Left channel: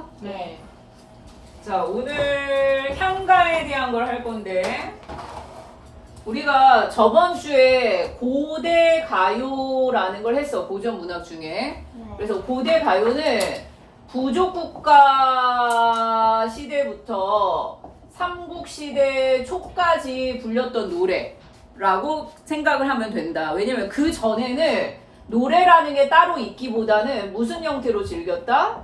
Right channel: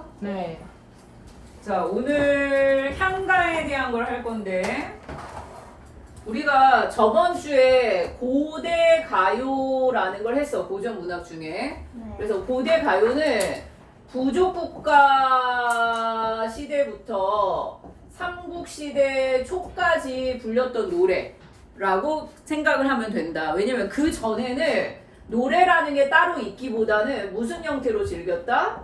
알겠어? 네. 자, 오늘 향가에 대한 걸 할 건데 우리가 저번 주에 고대 가요라는 걸 했어. 고전 문학 중에. 네. 그래서 고대 가요는 부족국가 시대부터 삼국시대 초까지 불렸던 노래라고 생각을 하면 된다. 왜냐면 그 전에는 노래라는 게 따로 있기보다는 무슨 형태로 즐겼다?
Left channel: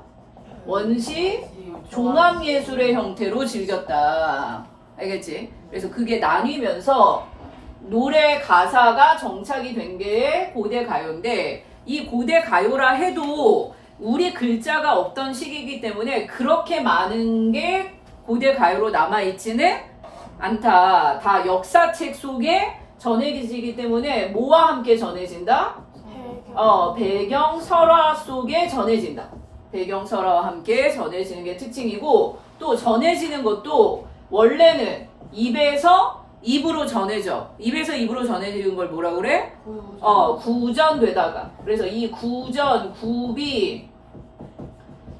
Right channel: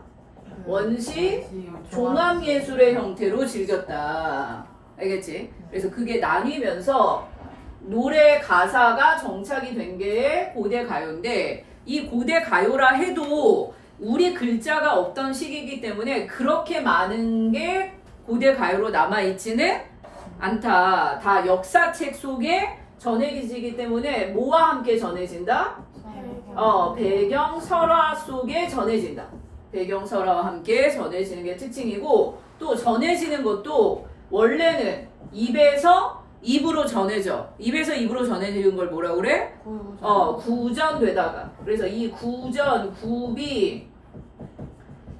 원시 종합예술의 형태로 즐겼다. 알겠지? 그래서 그게 나뉘면서 노래 가사가 정착이 된 게 고대 가요인데 이 고대 가요라 해도 우리 글자가 없던 시기이기 때문에 그렇게 많은 게 고대 가요로 남아있지는 않다. 다 역사책 속에 전해지기 때문에 뭐와 함께 전해진다? 배경 설화 속에 전해진다. 배경 설화와 함께 전해지는 게 특징이고 또 전해지는 것도 원래는 입에서 입으로 전해져. 입에서 입으로 전해지는 걸 뭐라 그래? 구전되다가. 그래서 이 구전, 구비,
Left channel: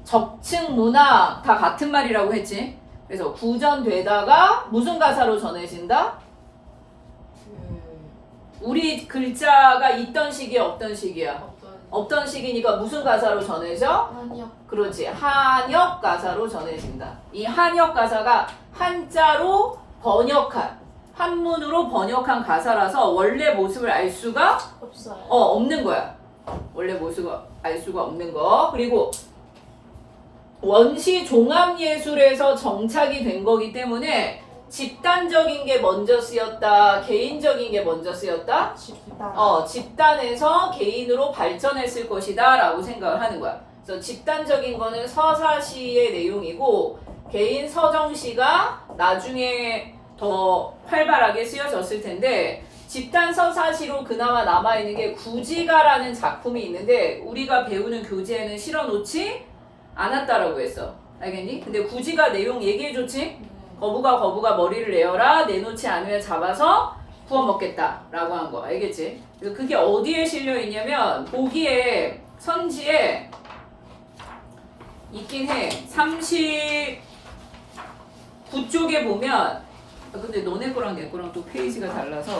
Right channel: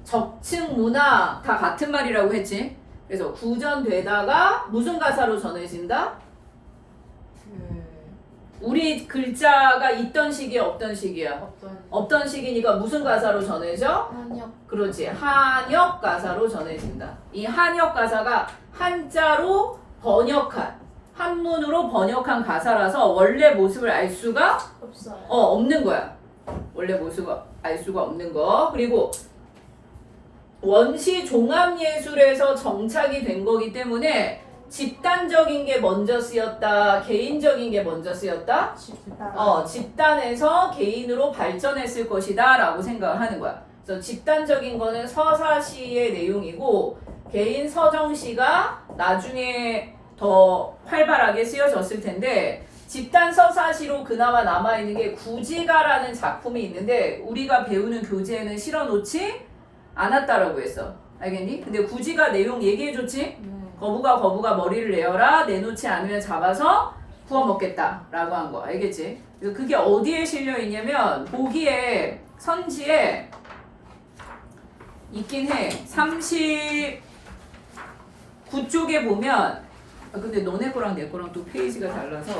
적층 문화 다 같은 말이라고 했지. 그래서 구전되다가 무슨 가사로 전해진다? 우리 글자가 있던 시기야, 없던 시기야? 없던 시기니까 무슨 가사로 전해져? 그렇지. 한역 가사로 전해진다. 이 한역 가사가 한자로 번역한, 한문으로 번역한 가사라서 원래 모습을 알 수가 없어요. 없는 거야. 원래 모습을 알 수가 없는 거. 그리고 원시 종합예술에서 정착이 된 거기 때문에 집단적인 게 먼저 쓰였다, 개인적인 게 먼저 쓰였다? 집단에서 개인으로 발전했을 것이다 라고 생각을 하는 거야. 그래서 집단적인 거는 서사시의 내용이고 개인 서정시가 나중에 더 활발하게 쓰여졌을 텐데 집단 서사시로 그나마 남아있는 게 구지가라는 작품이 있는데 우리가 배우는 교재에는 실어놓지 않았다라고 했어. 알겠니? 근데 구지가 내용 얘기해줬지? 거부가 머리를 내어라. 내놓지 않으면 잡아서 구워 먹겠다 라고 한 거. 알겠지? 그래서 그게 어디에 실려 있냐면 보기에 선지에 있긴 해. 39쪽에 보면 근데 너네 거랑 내 거랑 또 페이지가 달라서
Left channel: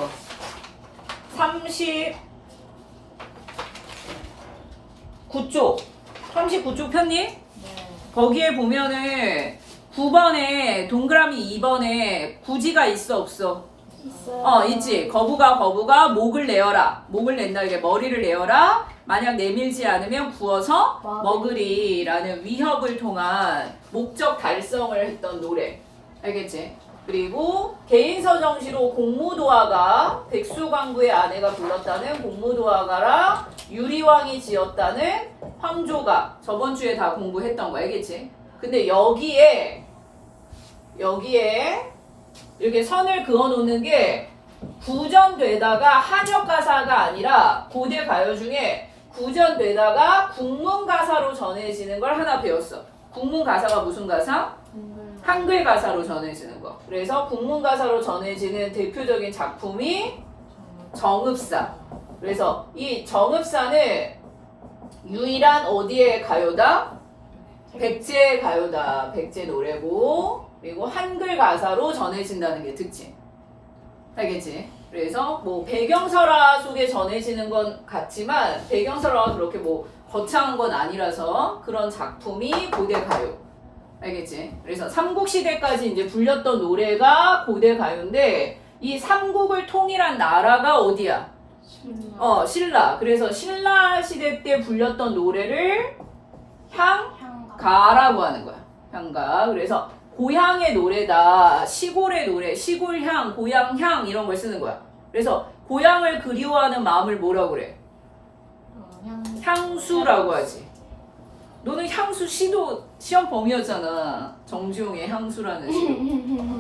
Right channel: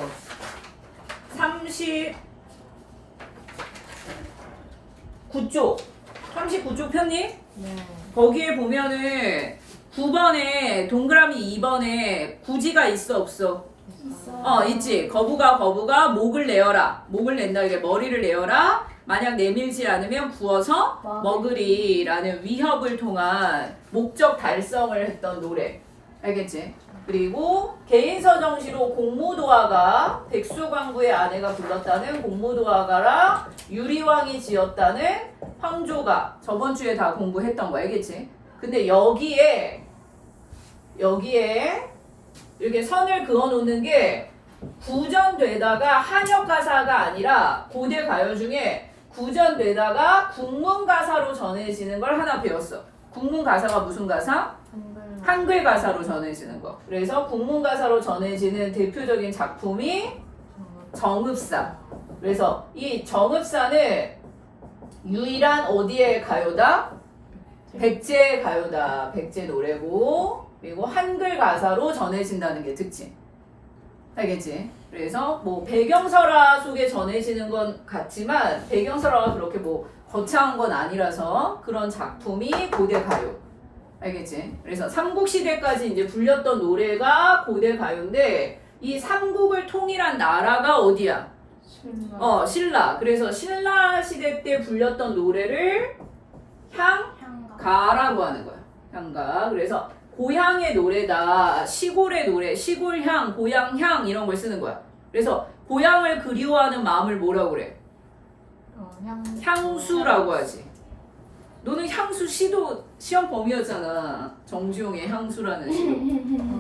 39쪽 39쪽 폈니? 네. 거기에 보면은 9번에 동그라미 2번에 구지가 있어 없어? 있어요. 있지. 거부가 목을 내어라. 목을 낸다. 이게 머리를 내어라. 만약 내밀지 않으면 구워서 먹으리라는 위협을 통한 목적 달성을 했던 노래. 알겠지? 그리고 개인서정시로 공무도화가 백수광부의 아내가 불렀다는 공무도화가랑 유리왕이 지었다는 황조가 저번 주에 다 공부했던 거 알겠지? 근데 여기에 이렇게 선을 그어 놓는 게 구전되다가 한역 가사가 아니라 고대 가요 중에 구전되다가 국문 가사로 전해지는 걸 하나 배웠어. 국문 가사가 무슨 가사? 한글 가사로 전해지는 거. 그래서 국문 가사로 전해지는 대표적인 작품이 정읍사. 그래서 이 정읍사는 유일한 어디의 가요다? 백제 가요다. 백제 노래고 그리고 한글 가사로 전해진다는 게 특징. 알겠지? 그래서 뭐 배경설화 속에 전해지는 건 같지만 배경설화가 그렇게 뭐 거창한 건 아니라서 그런 작품이 고대 가요. 알겠지? 그래서 삼국시대까지 이제 불렸던 노래가 고대 가요인데 이 삼국을 통일한 나라가 어디야? 신라. 그래서 신라 시대 때 불렸던 노래를 향가라고 하는 거야. 향가. 그래서 고향의 노래다. 시골의 노래, 시골향, 고향향 이런 걸 쓰는 거야. 그래서 고향을 그리워하는 마음을 뭐라고 그래? 향수라고 하지. 너는 향수 시도 시험 범위였잖아. 정주영의 향수라는 시.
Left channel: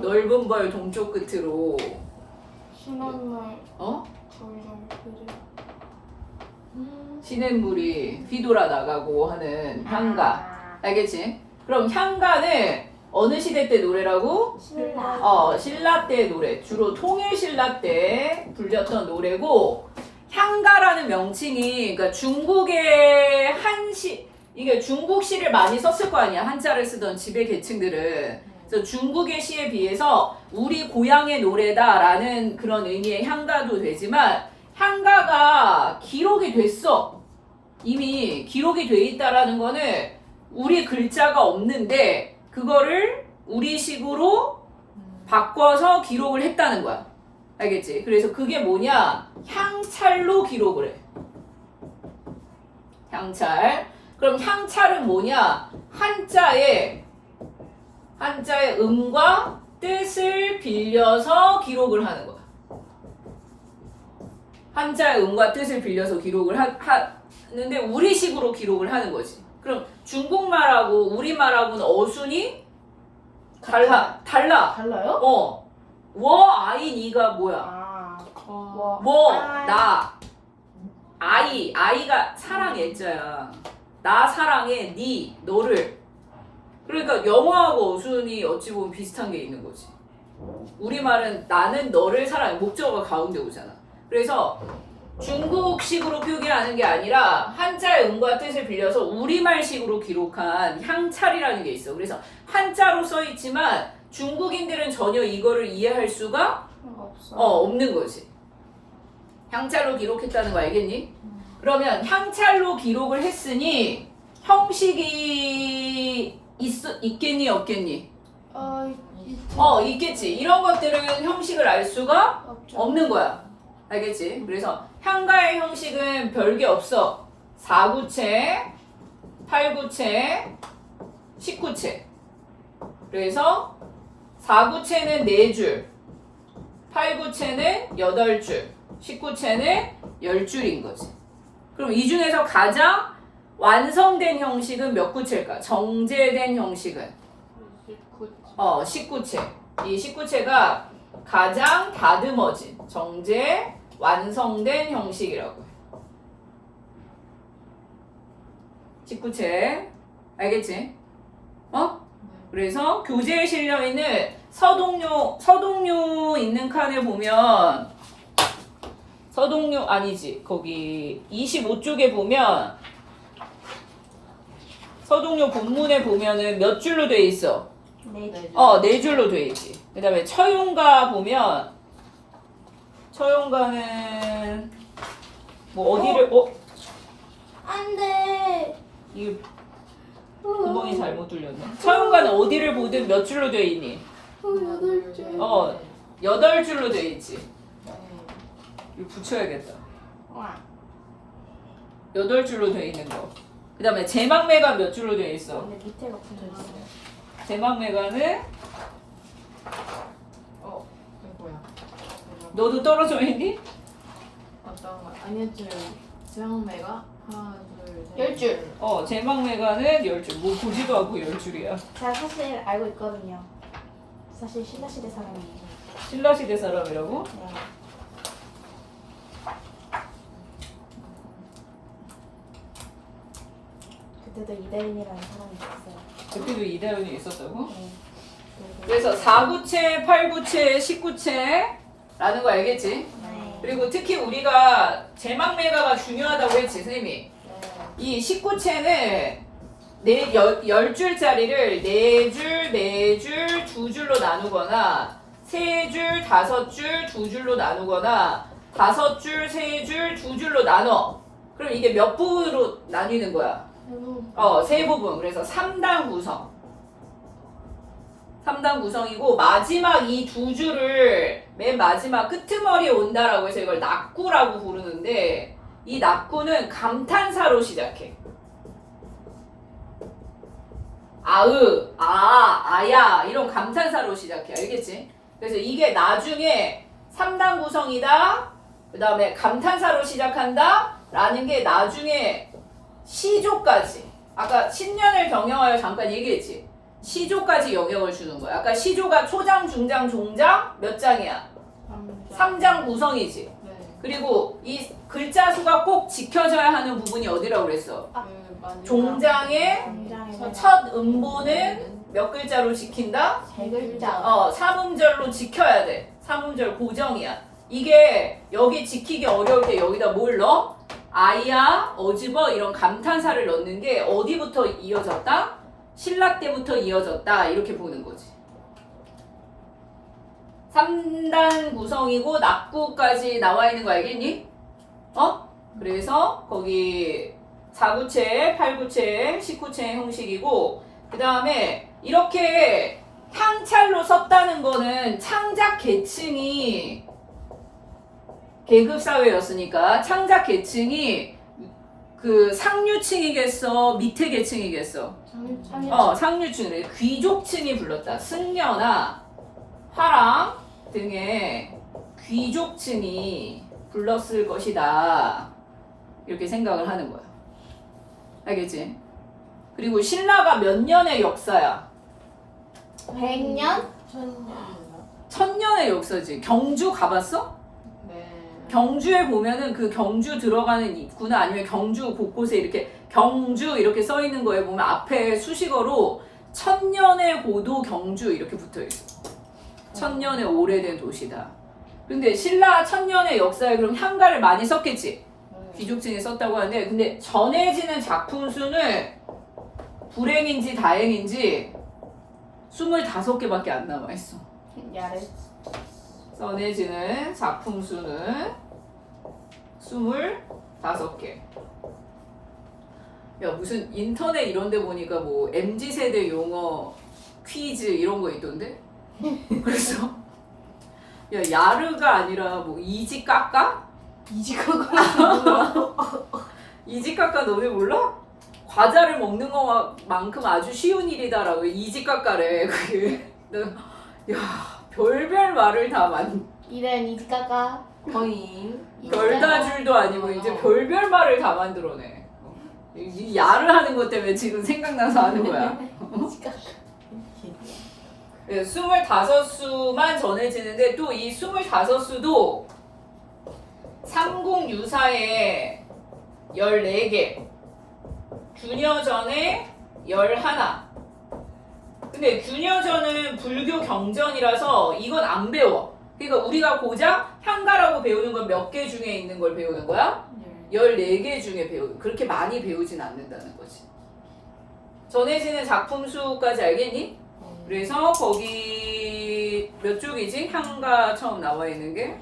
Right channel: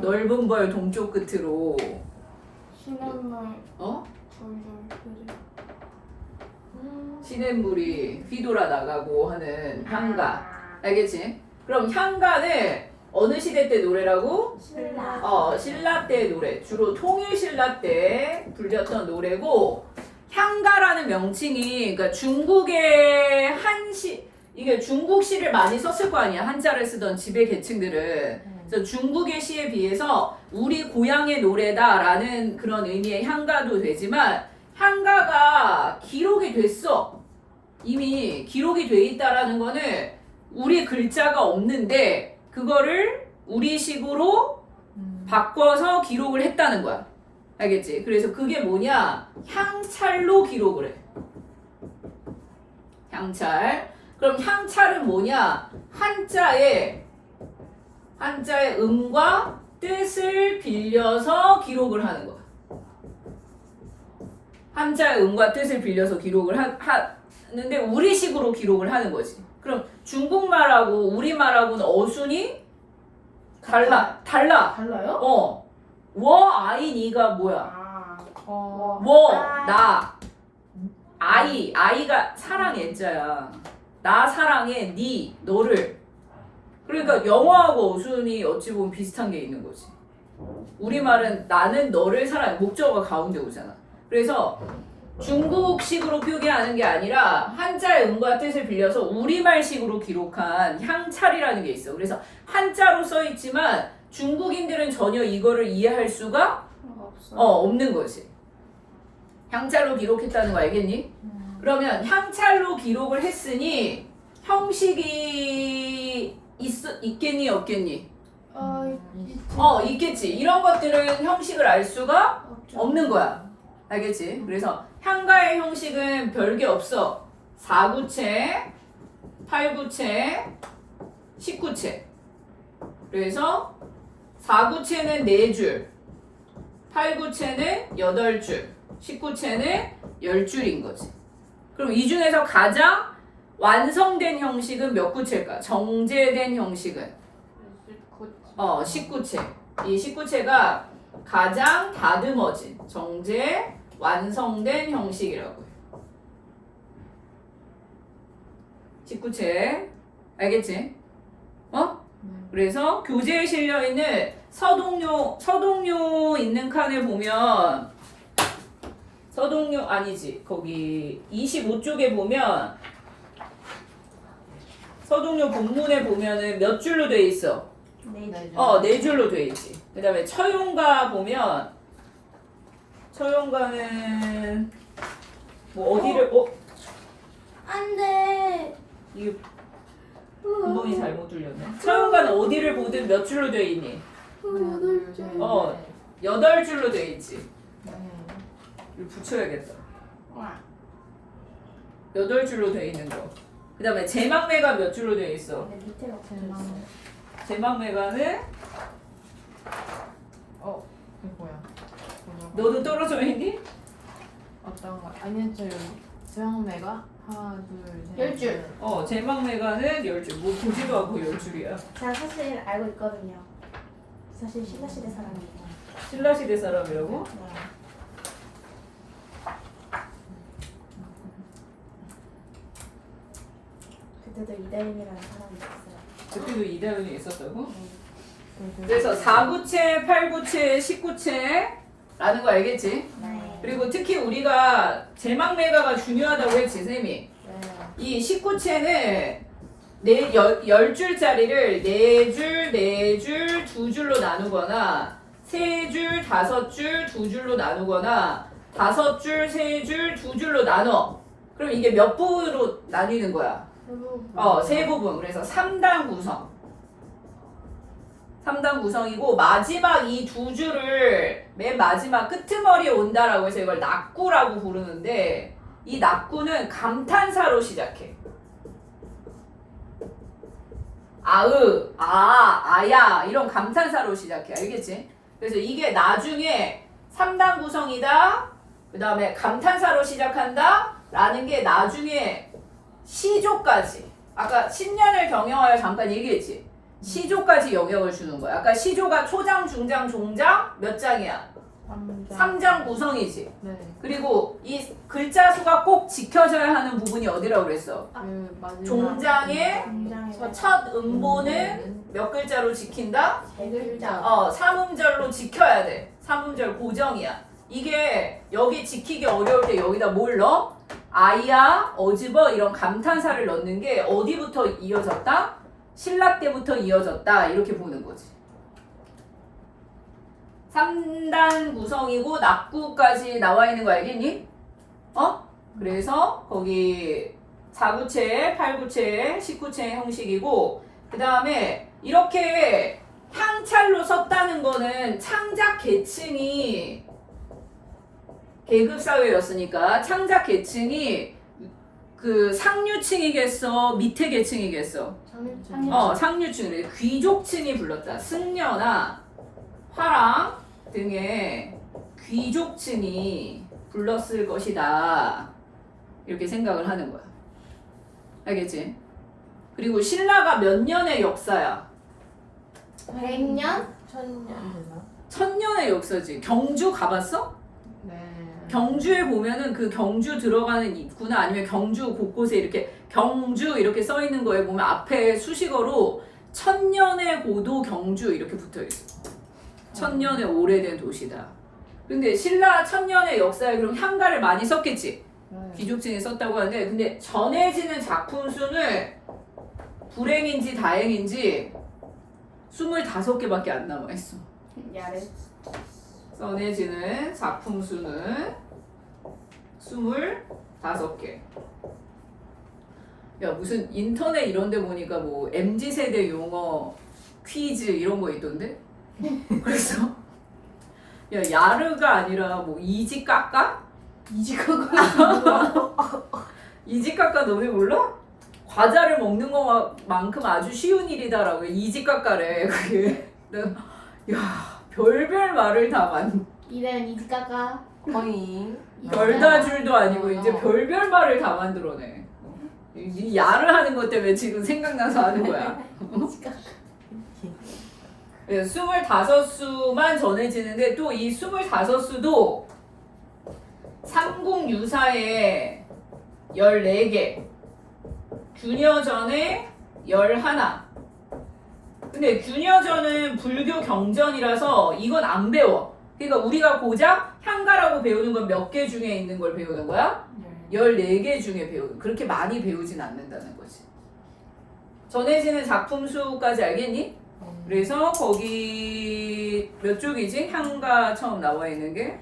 넓은 벌 동쪽 끝으로. 시냇물 시냇물이 휘돌아 나가고 하는 향가. 알겠지? 그럼 향가는 어느 시대 때 노래라고? 신라 때 노래. 주로 통일신라 때 불렸던 노래고 향가라는 명칭이 그러니까 중국의 이게 중국 시를 많이 썼을 거 아니야. 한자를 쓰던 지배 계층들은. 그래서 중국의 시에 비해서 우리 고향의 노래다라는 그런 의미의 향가도 되지만 향가가 기록이 됐어. 이미 기록이 돼 있다라는 거는 우리 글자가 없는데 그거를 우리식으로 바꿔서 기록을 했다는 거야. 알겠지? 그래서 그게 뭐냐? 향찰로 기록을 해. 향찰. 그럼 향찰은 뭐냐? 한자의 음과 뜻을 빌려서 기록을 하는 거야. 한자의 음과 뜻을 빌려서 기록을 하는데 우리식으로 기록을 하는 거지. 그럼 중국말하고 우리말하고는 어순이 달라. 달라요? 아이 니가 뭐야? 나 아이가 사랑 애자야. 나 사랑해 니 너를. 그러니까 영어하고 어순이 어찌 보면 비슷한 게 있는 거지. 우리말은 나는 너를 사랑해. 목적어가 가운데 오잖아. 그래서 중국식으로 표기하는 게 아니라 한자의 음과 뜻을 빌려서 우리말식으로 기록한 향찰이라는 게 있어. 그래서 한자로 써 있지만 중국인들은 전혀 이거를 이해할 수가 없는 거지. 향찰로 기록했다는 거 알겠니? 그러면 향찰로 기록을 했으니 형식이 있겠니 없겠니? 있겠지. 이런 것들은 형식을 알 수가 없는 거야. 알겠지? 그래서 향가의 형식은 별게 없어. 4구체, 8구체, 19체. 그래서 4구체는 4줄, 8구체는 8줄, 19체는 10줄인 거지. 그럼 이 중에서 가장 완성된 형식은 몇 구체일까? 정제된 형식은 19체. 이 19체가 가장 다듬어진 정제 완성된 형식이라고 해. 19체. 알겠지? 그래서 교재에 실려 있는 서동요 있는 칸에 보면 서동요 아니지. 거기 25쪽에 보면 서동요 본문에 보면은 몇 줄로 돼 있어? 4줄. 4줄로 돼 있지. 그다음에 처용가 보면 처용가는 뭐 어디를 안돼. 이게 구멍이 잘못 뚫렸네. 처용가는 어디를 보든 몇 줄로 돼 있니? 8줄. 8줄로 돼 있지. 이거 붙여야겠다. 8줄로 돼 있는 거. 그다음에 제막매가 몇 줄로 돼 있어? 근데 밑에가 붙어있어요. 제막매가는 이게 뭐야? 너도 떨어져 있니? 어떤 거? 아니요, 제왕매가 하나, 둘, 셋. 10줄. 제막매가는 10줄. 뭐 보지도 않고 10줄이야. 제가 사실 알고 있거든요. 사실 신라시대 사람이에요. 신라시대 사람이라고? 네. 그때도 이다인이라는 사람이 있었어요. 그때도 이다윤이 있었다고? 네. 그래서 4구체, 8구체, 19체라는 거 알겠지? 네. 그리고 특히 우리가 제막매가가 중요하다고 했지, 선생님이. 네. 이 19체는 10줄짜리를 4줄, 4줄, 2줄로 나누거나 3줄, 5줄, 2줄로 나누거나 5줄, 3줄, 2줄로 나눠. 그럼 이게 몇 부로 나뉘는 거야? 3부분. 그래서 3단 구성. 3단 구성이고 마지막 이 2줄을 맨 마지막 끄트머리에 온다라고 해서 이걸 낙구라고 부르는데 이 낙구는 감탄사로 시작해. 아야 이런 감탄사로 시작해. 알겠지? 그래서 이게 나중에 3단 구성이다. 그 다음에 감탄사로 시작한다. 라는 게 나중에 시조까지. 아까 10년을 경영하여 잠깐 얘기했지. 시조까지 영향을 주는 거야. 아까 시조가 초장, 중장, 종장 몇 장이야? 3장 구성이지. 네. 그리고 이 글자 수가 꼭 지켜져야 하는 부분이 어디라고 그랬어? 종장의 굉장히 첫 음보는 몇 글자로 지킨다? 3글자. 삼음절로 지켜야 돼. 삼음절 고정이야. 이게 여기 지키기 어려울 때 여기다 뭘 넣어? 아이야, 어집어 이런 감탄사를 넣는 게 어디부터 이어졌다? 신라 때부터 이어졌다. 이렇게 보는 거지. 3단 구성이고 낙구까지 나와 있는 거 알겠니? 그래서 거기 4구체, 8구체, 19체 형식이고 그 다음에 이렇게 향찰로 썼다는 거는 창작 계층이 계급 사회였으니까 창작 계층이 그 상류층이겠어, 밑에 계층이겠어. 상류층. 귀족층이 불렀다. 승려나 화랑 등의 귀족층이 불렀을 것이다. 이렇게 생각을 하는 거야. 알겠지? 그리고 신라가 몇 년의 역사야? 100년? 1000년의 역사지. 경주 가봤어? 네. 경주에 보면은 그 경주 들어가는 입구나 아니면 경주 곳곳에 이렇게 경주 이렇게 써 있는 거에 보면 앞에 수식어로 1000년의 고도 경주 이렇게 붙어 있어. 1000년의 오래된 도시다. 근데 신라 1000년의 역사에 그럼 향가를 많이 썼겠지? 귀족층이 썼다고 하는데 근데 전해지는 작품 수는 불행인지 다행인지 25개밖에 안 남아 있어. 야래. 전해지는 작품 수는 25개. 야 무슨 인터넷 이런 데 보니까 뭐 MZ세대 용어 퀴즈 이런 거 있던데? 그래서 야 야르가 아니라 뭐 이지까까? 이지까까 너네 몰라? 과자를 먹는 것만큼 아주 쉬운 일이다라고 이지까까래 그게. 야 별별 말을 다 이름 이지까까. 거의 별다줄도 아니고 이제 별별 말을 다 만들어내. 이 야를 하는 것 때문에 지금 생각나서 하는 거야. 이지까까. 25수만 전해지는데 또 이 25수도 삼국유사에 14개, 균여전에 11. 근데 균여전은 불교 경전이라서 이건 안 배워. 그러니까 우리가 고작 향가라고 배우는 건 몇 개 중에 있는 걸 배우는 거야? 14개 중에 그렇게 많이 배우진 않는다는 거지. 전해지는 작품 수까지 알겠니? 그래서 거기 몇 쪽이지? 향가 처음 나와 있는 게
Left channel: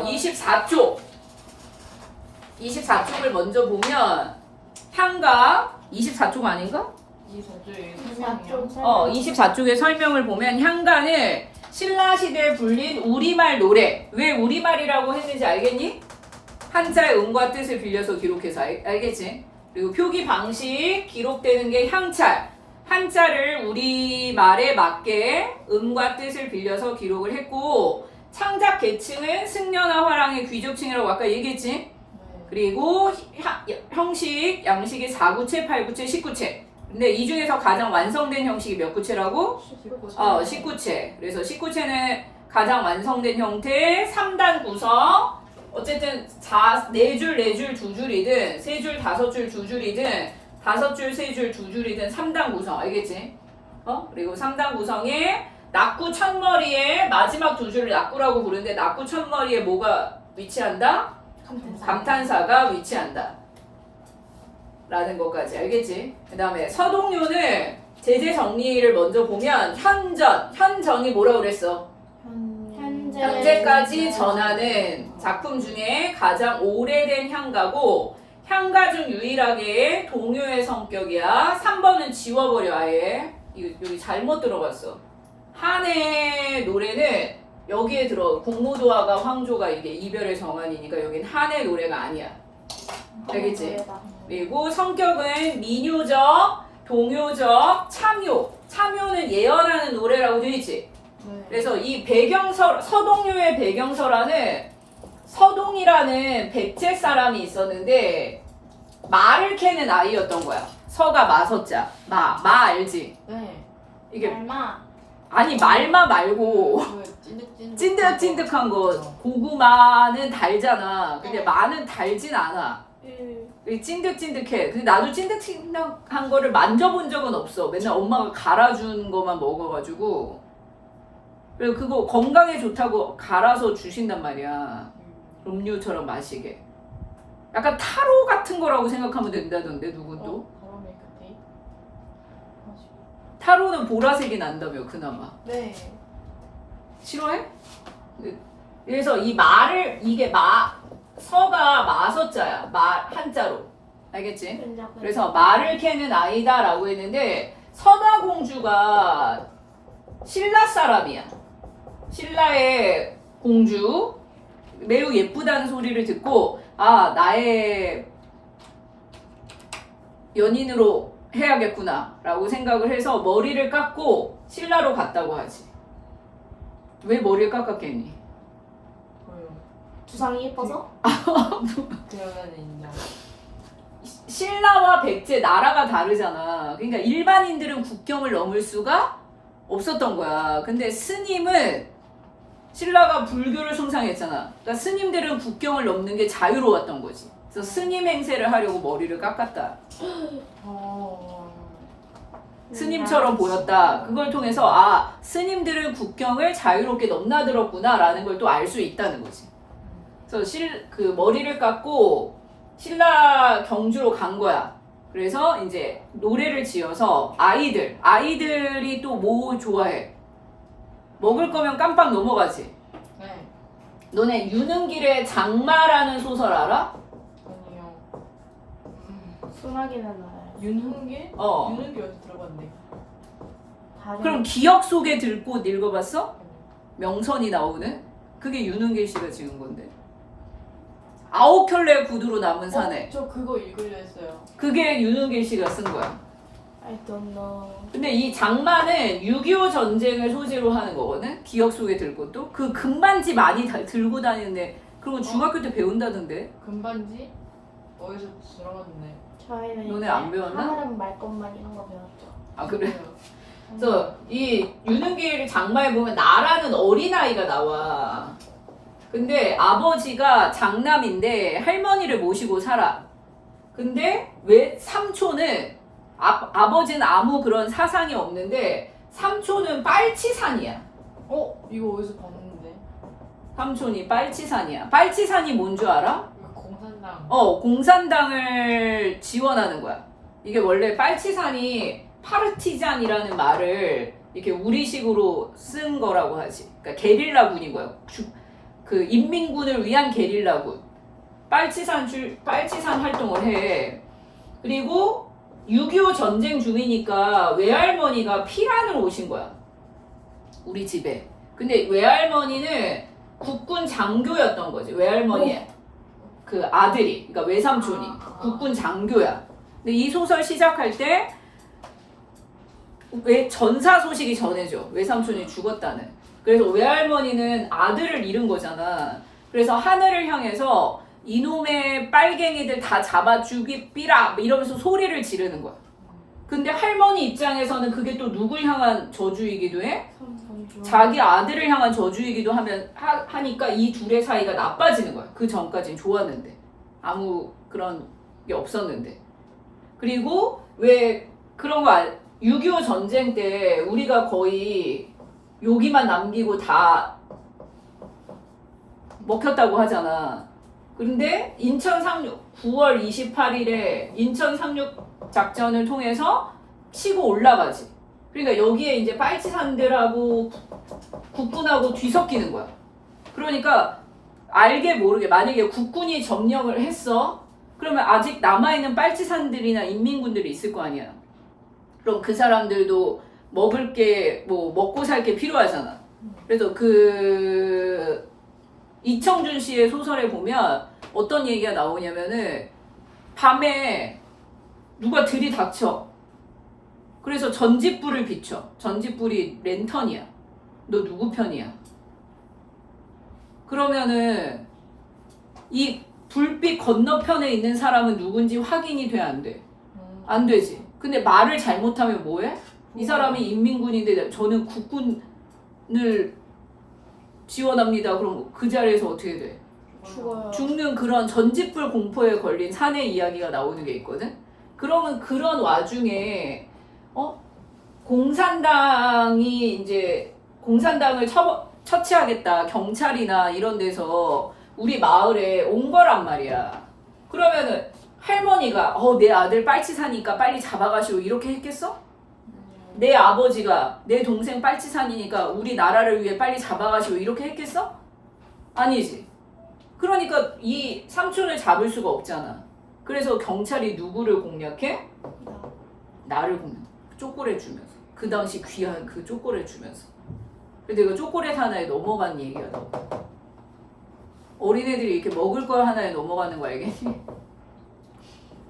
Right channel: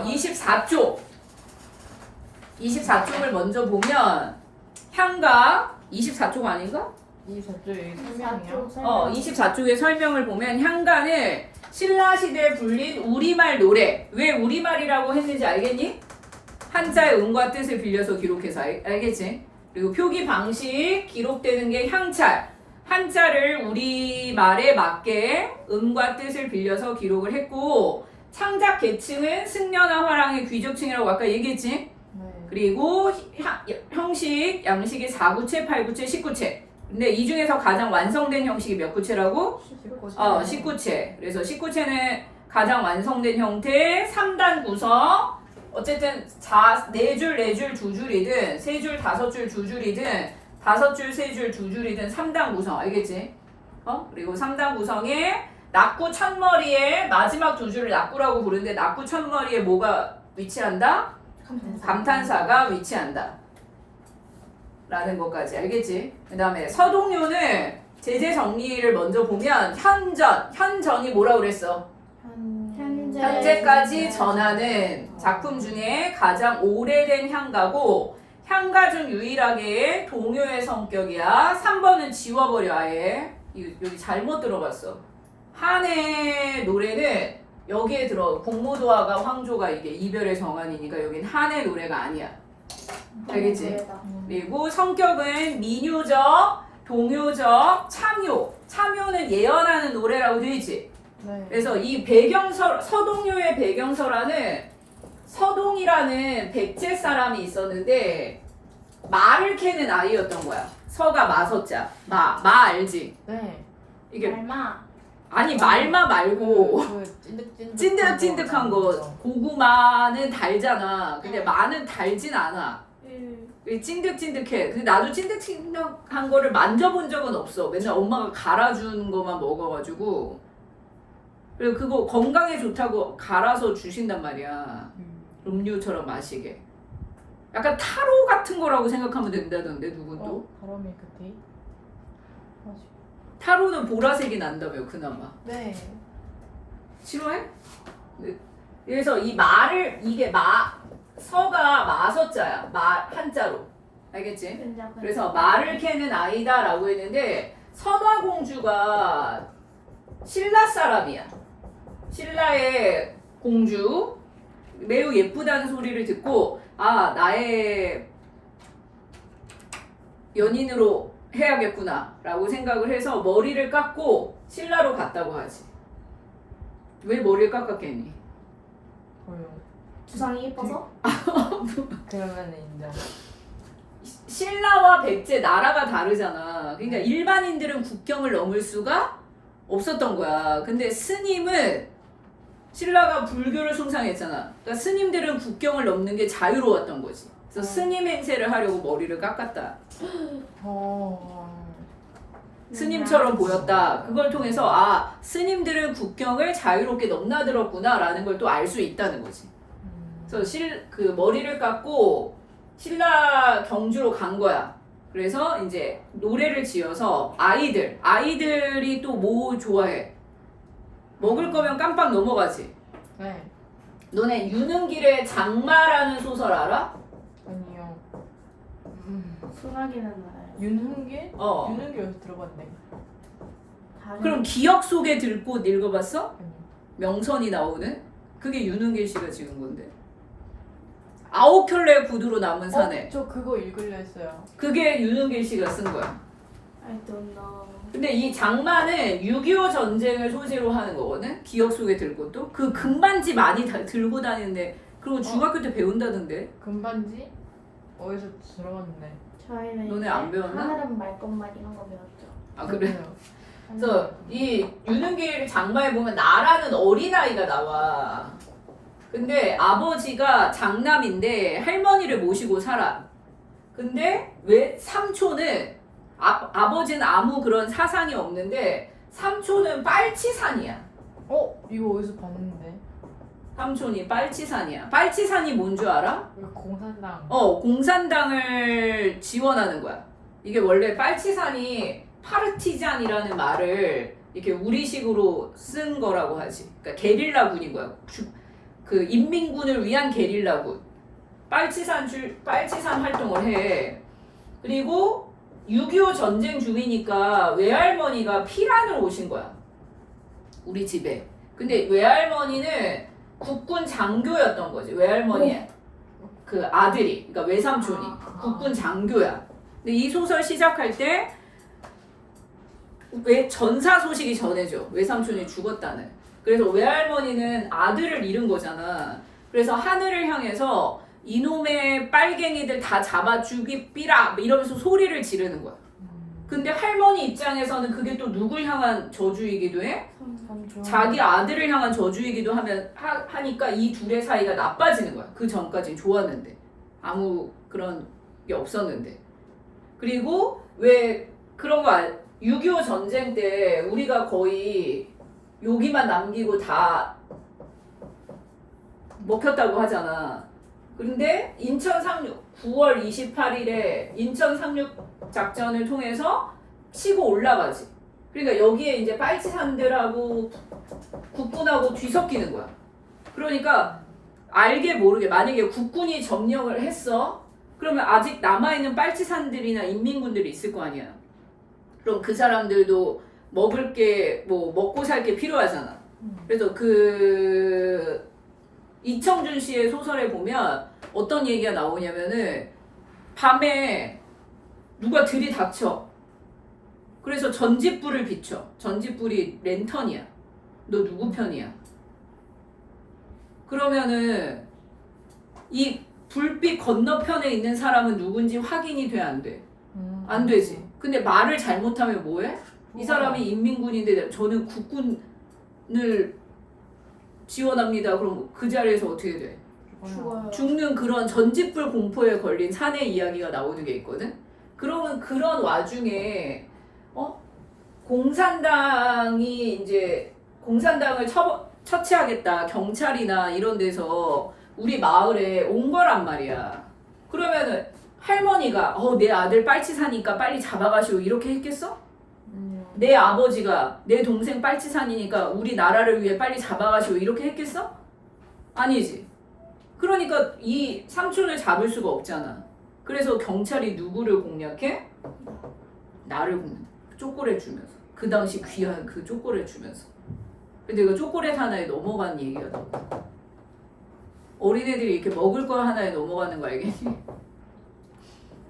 24쪽. 24쪽을 먼저 보면 향가 24쪽 아닌가? 이 저쪽에 설명이요. 24쪽의 설명을 보면 향가는 신라시대에 불린 우리말 노래. 왜 우리말이라고 했는지 알겠니? 한자의 음과 뜻을 빌려서 기록해서 알겠지? 그리고 표기 방식 기록되는 게 향찰. 한자를 우리말에 맞게 음과 뜻을 빌려서 기록을 했고 창작 계층은 승려나 화랑의 귀족층이라고 아까 얘기했지? 그리고 형식, 양식이 4구체, 8구체, 19체. 근데 이 중에서 가장 완성된 형식이 몇 구체라고? 19체. 그래서 19체는 가장 완성된 형태, 3단 구성. 어쨌든 4줄, 4줄, 2줄이든 3줄, 5줄, 2줄이든 5줄, 3줄, 2줄이든 3단 구성. 알겠지? 그리고 3단 구성에 낙구 첫머리에 마지막 2줄을 낙구라고 부르는데 낙구 첫머리에 뭐가 위치한다? 감탄사가 위치한다. 라는 것까지 알겠지? 그 다음에 서동요는 제재 정리를 먼저 보면 현전이 뭐라고 그랬어? 현재까지 전하는 작품 중에 가장 오래된 향가고 향가 중 유일하게 동요의 성격이야. 3번은 지워버려 아예. 여기 잘못 들어봤어. 한의 노래는 여기에 들어. 공모도화가 황조가 이게 이별의 정환이니까 여긴 한의 노래가 아니야. 알겠지? 그리고 성격은 민요적, 동요적, 참요. 참요는 예언하는 노래라고 되어 있지. 네. 그래서 이 서동요의 배경설화는 서동이라는 백제 사람이 있었는데 말을 캐는 아이였던 거야. 서가 마서자. 마 알지? 네. 이게 말마. 아니 말마 말고 그 찐득찐득한 거. 고구마는 달잖아. 근데 마는 달진 않아. 찐득찐득해. 근데 나도 찐득찐득한 거를 만져본 적은 없어. 맨날 엄마가 갈아준 거만 먹어가지고. 그리고 그거 건강에 좋다고 갈아서 주신단 말이야. 음료처럼 마시게. 약간 타로 같은 거라고 생각하면 된다던데 누구도. 바람이 그뒤 타로는 보라색이 난다며 그나마. 네. 싫어해? 네. 그래서 이 말을 이게 서가 마서자야. 한자로. 알겠지? 그래서 말을 캐는 아이다라고 했는데 선화공주가 신라 사람이야. 신라의 공주. 매우 예쁘다는 소리를 듣고 나의 연인으로 해야겠구나 라고 생각을 해서 머리를 깎고 신라로 갔다고 하지. 왜 머리를 깎았겠니? 왜요? 두상이 예뻐서? 그러면 있나? 신라와 백제 나라가 다르잖아. 그러니까 일반인들은 국경을 넘을 수가 없었던 거야. 근데 스님은 신라가 불교를 숭상했잖아. 그러니까 스님들은 국경을 넘는 게 자유로웠던 거지. 그래서 스님 행세를 하려고 머리를 깎았다. 스님처럼 보였다. 그걸 통해서 스님들은 국경을 자유롭게 넘나들었구나 라는 걸 또 알 수 있다는 거지. 그래서 그 머리를 깎고 신라 경주로 간 거야. 그래서 이제 노래를 지어서 아이들이 또 뭐 좋아해? 먹을 거면 깜빡 넘어가지. 네. 너네 유능길의 장마라는 소설 알아? 아니요. 소나기는 알아요. 윤흥길? 어. 윤흥길 어디 들어갔네. 그럼 기억 속에 들꽃 읽어봤어? 명선이 나오는? 그게 유능길 씨가 지은 건데. 9켤레 구두로 남은 산에. 저 그거 읽으려 했어요. 그게 유능길 씨가 쓴 거야. I don't know. 근데 이 장마는 6.25 전쟁을 소재로 하는 거거든? 기억 속에 들꽃도. 그 금반지 많이 들고 다니는데 그런 거 중학교 때 배운다던데. 금반지? 어디서 들어갔네. 저희는 너네 이제 안 배웠나? 하늘은 말 것만 이런 거 배웠죠. 아 그래? 그래서 이 유능길 장마에 보면 나라는 어린아이가 나와. 근데 아버지가 장남인데 할머니를 모시고 살아. 근데 왜 삼촌은 아버지는 아무 그런 사상이 없는데 삼촌은 빨치산이야. 이거 어디서 봤는데? 삼촌이 빨치산이야. 빨치산이 뭔 줄 알아? 이거 공산당. 공산당을 지원하는 거야. 이게 원래 빨치산이 파르티잔이라는 말을 이렇게 우리식으로 쓴 거라고 하지. 그러니까 게릴라군인 거야. 그 인민군을 위한 게릴라군. 빨치산 활동을 해. 그리고 6.25 전쟁 중이니까 외할머니가 피란으로 오신 거야. 우리 집에. 근데 외할머니는 국군 장교였던 거지. 외할머니의 그 아들이. 그러니까 외삼촌이. 국군 장교야. 근데 이 소설 시작할 때 왜 전사 소식이 전해져. 외삼촌이 죽었다는. 그래서 외할머니는 아들을 잃은 거잖아. 그래서 하늘을 향해서 이놈의 빨갱이들 다 잡아 죽이삐라 이러면서 소리를 지르는 거야. 근데 할머니 입장에서는 그게 또 누굴 향한 저주이기도 해? 자기 아들을 향한 저주이기도 하니까 이 둘의 사이가 나빠지는 거야. 그 전까진 좋았는데 아무 그런 게 없었는데. 그리고 왜 그런 거 6.25 전쟁 때 우리가 거의 여기만 남기고 다 먹혔다고 하잖아. 근데 인천 상륙 9월 28일에 인천 상륙 작전을 통해서 치고 올라가지. 그러니까 여기에 이제 빨치산들하고 국군하고 뒤섞이는 거야. 그러니까 알게 모르게 만약에 국군이 점령을 했어. 그러면 아직 남아있는 빨치산들이나 인민군들이 있을 거 아니야. 그럼 그 사람들도 먹을 게 뭐 먹고 살 게 필요하잖아. 그래서 그 이청준 씨의 소설에 보면 어떤 얘기가 나오냐면은 밤에 누가 들이닥쳐. 그래서 전짓불을 비춰. 전짓불이 랜턴이야. 너 누구 편이야? 그러면은 이 불빛 건너편에 있는 사람은 누군지 확인이 돼, 안 돼? 안 되지. 근데 말을 잘못하면 뭐해? 이 사람이 인민군인데 저는 국군을 지원합니다. 그럼 그 자리에서 어떻게 돼? 죽어요. 죽는 그런 전짓불 공포에 걸린 사내 이야기가 나오는 게 있거든. 그러면 그런 와중에 공산당이 이제 공산당을 처치하겠다 경찰이나 이런 데서 우리 마을에 온 거란 말이야. 그러면은 할머니가 내 아들 빨치 사니까 빨리 잡아가시오 이렇게 했겠어? 내 아버지가 내 동생 빨치 사니까 우리 나라를 위해 빨리 잡아가시오 이렇게 했겠어? 아니지. 그러니까 이 삼촌을 잡을 수가 없잖아. 그래서 경찰이 누구를 공략해? 나를 공략해. 초콜릿 주면서. 그 당시 귀한 그 초콜릿 주면서. 근데 그 초콜릿 하나에 넘어간 얘기야. 어린애들이 이렇게 먹을 걸 하나에 넘어가는 거 알겠니?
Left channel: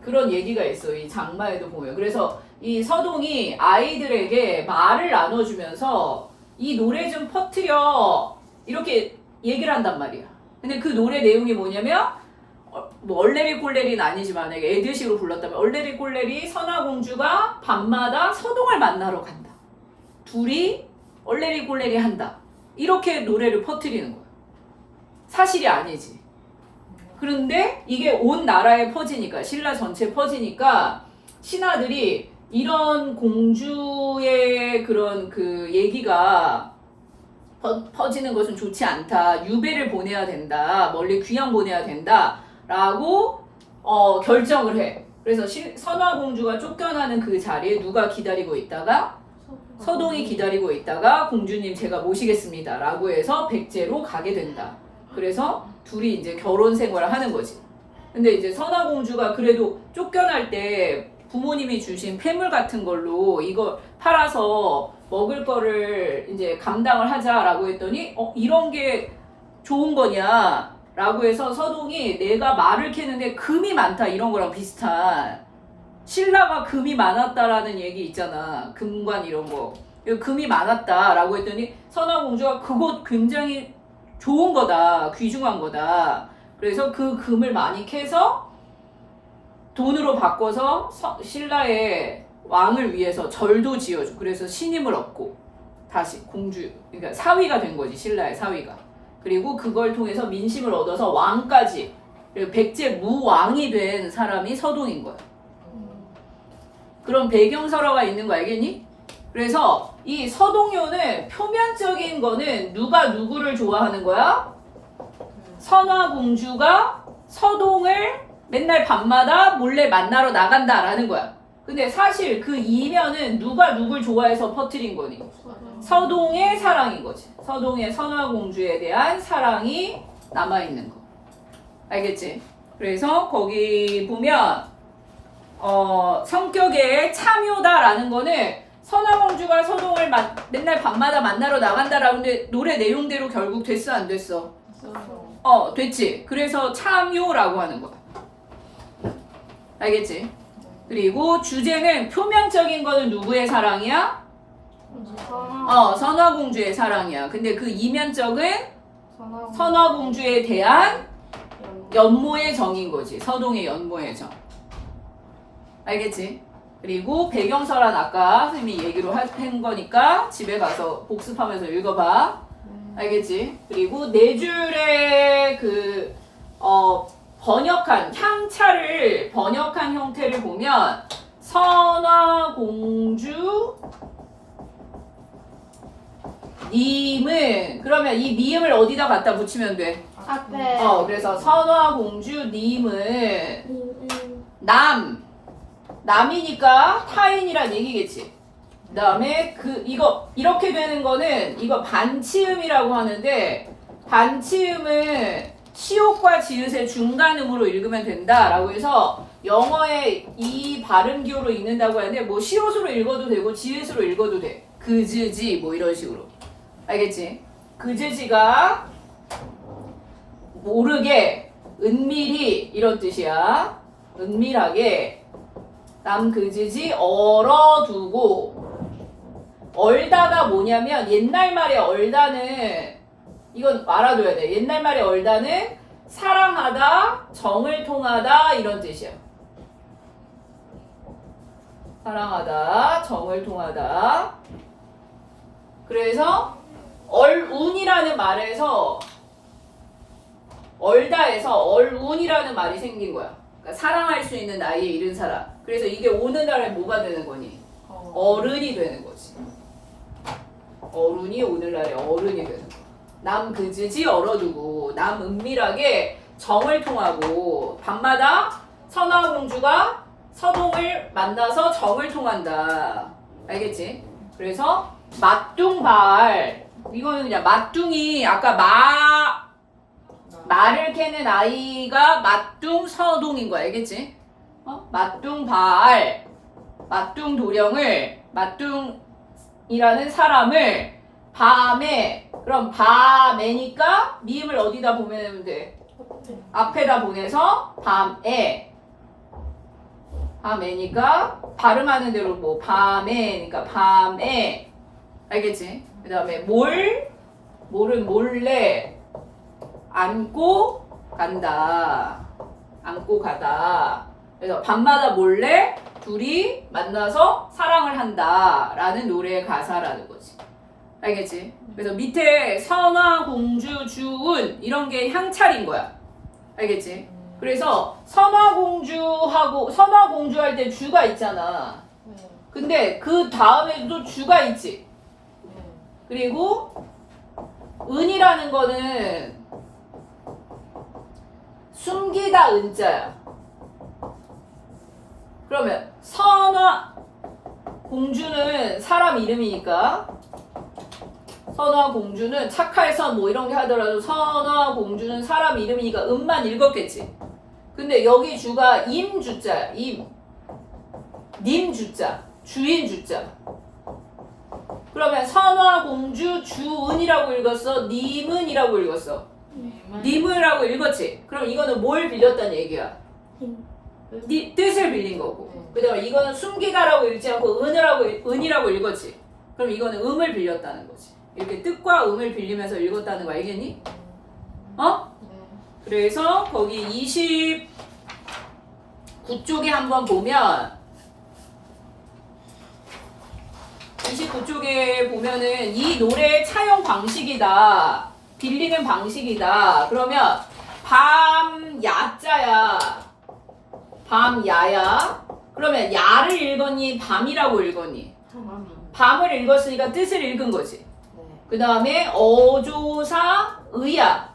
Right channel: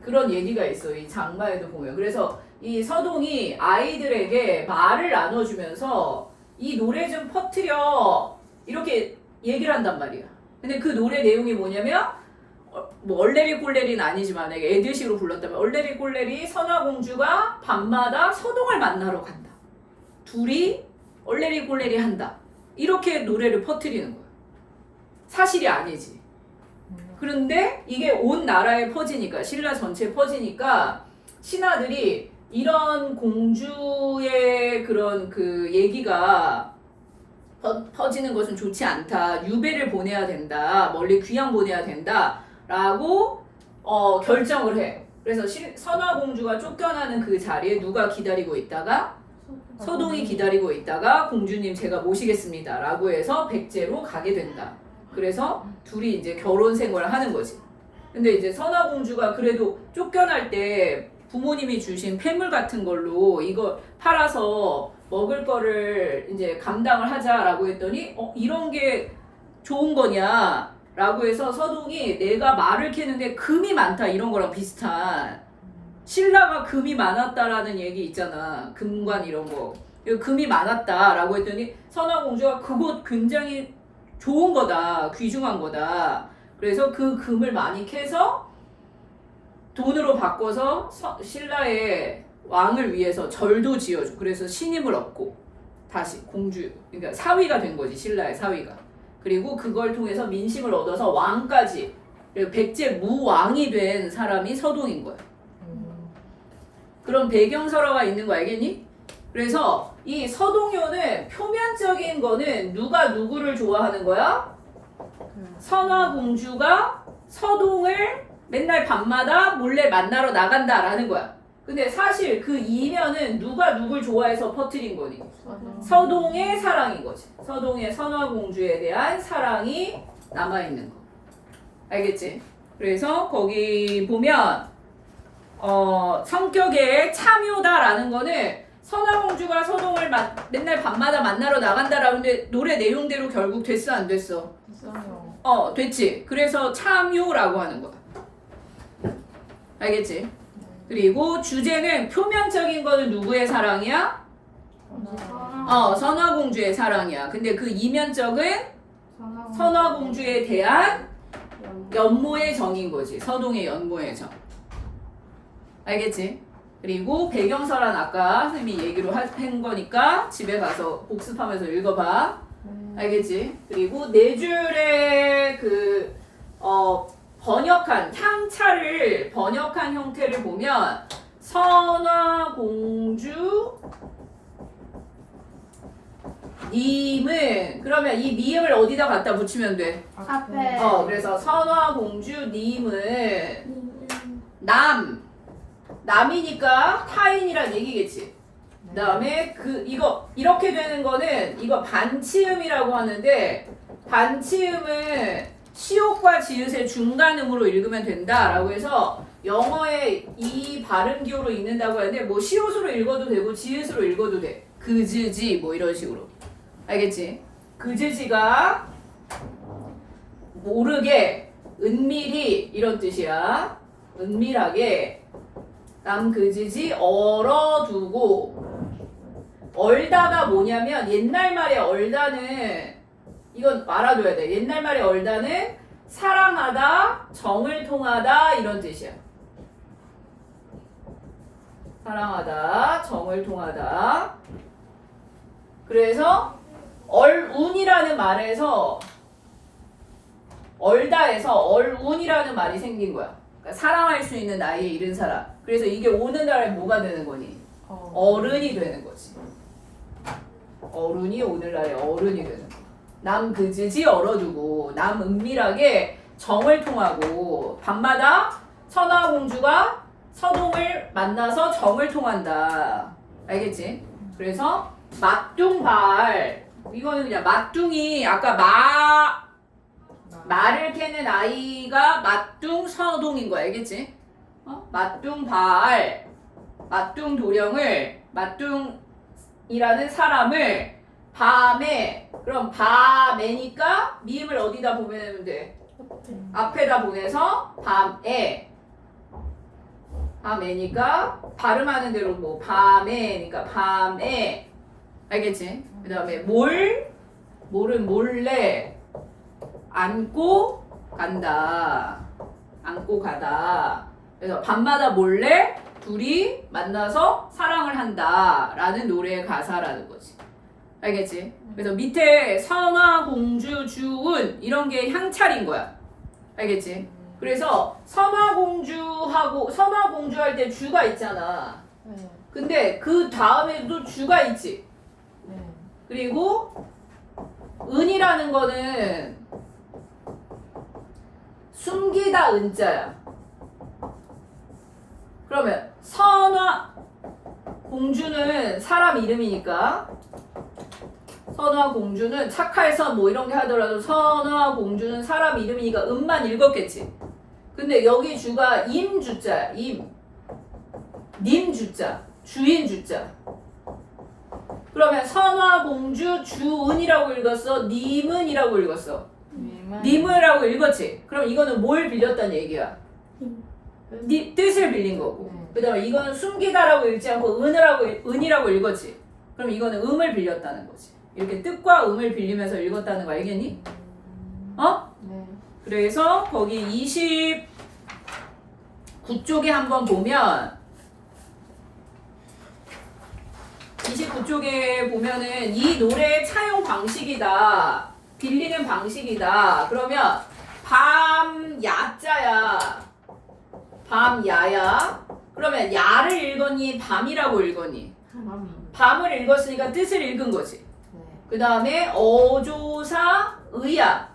그런 얘기가 있어. 이 장마에도 보면. 그래서 이 서동이 아이들에게 말을 나눠주면서 이 노래 좀 퍼뜨려 이렇게 얘기를 한단 말이야. 근데 그 노래 내용이 뭐냐면 뭐 얼레리 꼴레리는 아니지만 내가 애들식으로 불렀다면 얼레리 꼴레리 선화공주가 밤마다 서동을 만나러 간다. 둘이 얼레리 꼴레리 한다. 이렇게 노래를 퍼뜨리는 거야. 사실이 아니지. 그런데 이게 온 나라에 퍼지니까 신라 전체에 퍼지니까 신하들이 이런 공주의 그런 그 얘기가 퍼지는 것은 좋지 않다. 유배를 보내야 된다. 멀리 귀양 보내야 된다. 라고 결정을 해. 그래서 선화공주가 쫓겨나는 그 자리에 누가 기다리고 있다가 서동이 기다리고 있다가 공주님 제가 모시겠습니다. 라고 해서 백제로 가게 된다. 그래서 둘이 이제 결혼 생활을 하는 거지. 근데 이제 선화공주가 그래도 쫓겨날 때 부모님이 주신 폐물 같은 걸로 이거 팔아서 먹을 거를 이제 감당을 하자라고 했더니 이런 게 좋은 거냐 라고 해서 서동이 내가 말을 캐는데 금이 많다 이런 거랑 비슷한 신라가 금이 많았다라는 얘기 있잖아. 금관 이런 거. 금이 많았다라고 했더니 선화공주가 그거 굉장히 좋은 거다. 귀중한 거다. 그래서 그 금을 많이 캐서 돈으로 바꿔서 신라의 왕을 위해서 절도 지어줘. 그래서 신임을 얻고 다시 공주, 그러니까 사위가 된 거지. 신라의 사위가. 그리고 그걸 통해서 민심을 얻어서 왕까지, 그리고 백제 무왕이 된 사람이 서동인 거야. 그런 배경설화가 있는 거 알겠니? 그래서 이 서동요는 표면적인 거는 누가 누구를 좋아하는 거야? 선화공주가 서동을 맨날 밤마다 몰래 만나러 나간다라는 거야. 근데 사실 그 이면은 누가 누굴 좋아해서 퍼뜨린 거니? 서동의 사랑인 거지. 서동의 선화공주에 대한 사랑이 남아있는 거. 알겠지? 그래서 거기 보면 성격의 참요다라는 거는 선화공주가 서동을 맨날 밤마다 만나러 나간다라는데 노래 내용대로 결국 됐어 안 됐어? 됐지. 그래서 참요라고 하는 거야. 알겠지? 그리고 주제는 표면적인 거는 누구의 사랑이야? 선화공주의 사랑이야. 근데 그 이면적은 선화공주에 대한 연모의 정인 거지. 서동의 연모의 정. 알겠지? 그리고 배경설은 아까 선생님이 얘기로 한 거니까 집에 가서 복습하면서 읽어봐. 알겠지? 그리고 네 줄의 그 번역한 향차를 번역한 형태를 보면 선화공주 님은 그러면 이 미음을 어디다 갖다 붙이면 돼? 앞에 그래서 선화공주 님은 남이니까 타인이란 얘기겠지. 그 다음에 이거 이렇게 되는 거는 이거 반치음이라고 하는데 반치음은 시옷과 지읒의 중간음으로 읽으면 된다라고 해서 영어에 이 발음기호로 읽는다고 하는데 뭐 시옷으로 읽어도 되고 지읒으로 읽어도 돼. 그즈지 뭐 이런 식으로. 알겠지? 그즈지가 모르게 은밀히 이런 뜻이야. 은밀하게 남그즈지 얼어두고. 얼다가 뭐냐면 옛날 말의 얼다는 이건 알아둬야 돼. 옛날 말의 얼다는 사랑하다, 정을 통하다 이런 뜻이야. 사랑하다, 정을 통하다. 그래서 얼운이라는 말에서 얼다에서 얼운이라는 말이 생긴 거야. 그러니까 사랑할 수 있는 나이에 이른 사람. 그래서 이게 오늘날에 뭐가 되는 거니? 어른이 되는 거지. 어른이 오늘날에 어른이 되는 거야. 남 그즈지 얼어두고 남 은밀하게 정을 통하고 밤마다 선화 공주가 서동을 만나서 정을 통한다. 알겠지? 그래서 맞둥발 이거는 그냥 맞둥이 아까 말을 캐는 아이가 맞둥서동인 거야. 알겠지? 맞둥발 맞둥도령을 맞둥이라는 사람을 밤에 그럼 밤에니까 미음을 어디다 보내면 돼? 앞에다 보내서 밤에니까 발음하는 대로 뭐 밤에니까 밤에 알겠지? 그 다음에 몰은 몰래 안고 간다. 안고 가다. 그래서 밤마다 몰래 둘이 만나서 사랑을 한다 라는 노래의 가사라는 거지. 알겠지? 그래서 밑에 선화공주 주운 이런 게 향찰인 거야. 알겠지? 그래서 선화공주 할 때 주가 있잖아. 네. 근데 그 다음에도 주가 있지. 네. 그리고 은이라는 거는 숨기다 은자야. 그러면 선화 공주는 사람 이름이니까 선화 공주는 착할선 뭐 이런 게 하더라도 선화 공주는 사람 이름이니까 음만 읽었겠지. 근데 여기 주가 임주자야. 님주자. 주인 주자. 그러면 선화 공주 주은이라고 읽었어? 님은이라고 읽었어? 님은이라고 읽었지? 그럼 이거는 뭘 빌렸다는 얘기야? 뜻을 빌린 거고. 그 다음에 이거는 숨기다라고 읽지 않고 은이라고 읽었지? 그럼 이거는 음을 빌렸다는 거지. 이렇게 뜻과 음을 빌리면서 읽었다는 거 알겠니? 네. 그래서 거기 29쪽에 한번 보면 29쪽에 보면은 이 노래의 차용 방식이다. 빌리는 방식이다. 그러면 밤야자야. 밤야야. 그러면 야를 읽었니? 밤이라고 읽었니? 밤을 읽었으니까 뜻을 읽은 거지. 그 다음에 어조사 의야.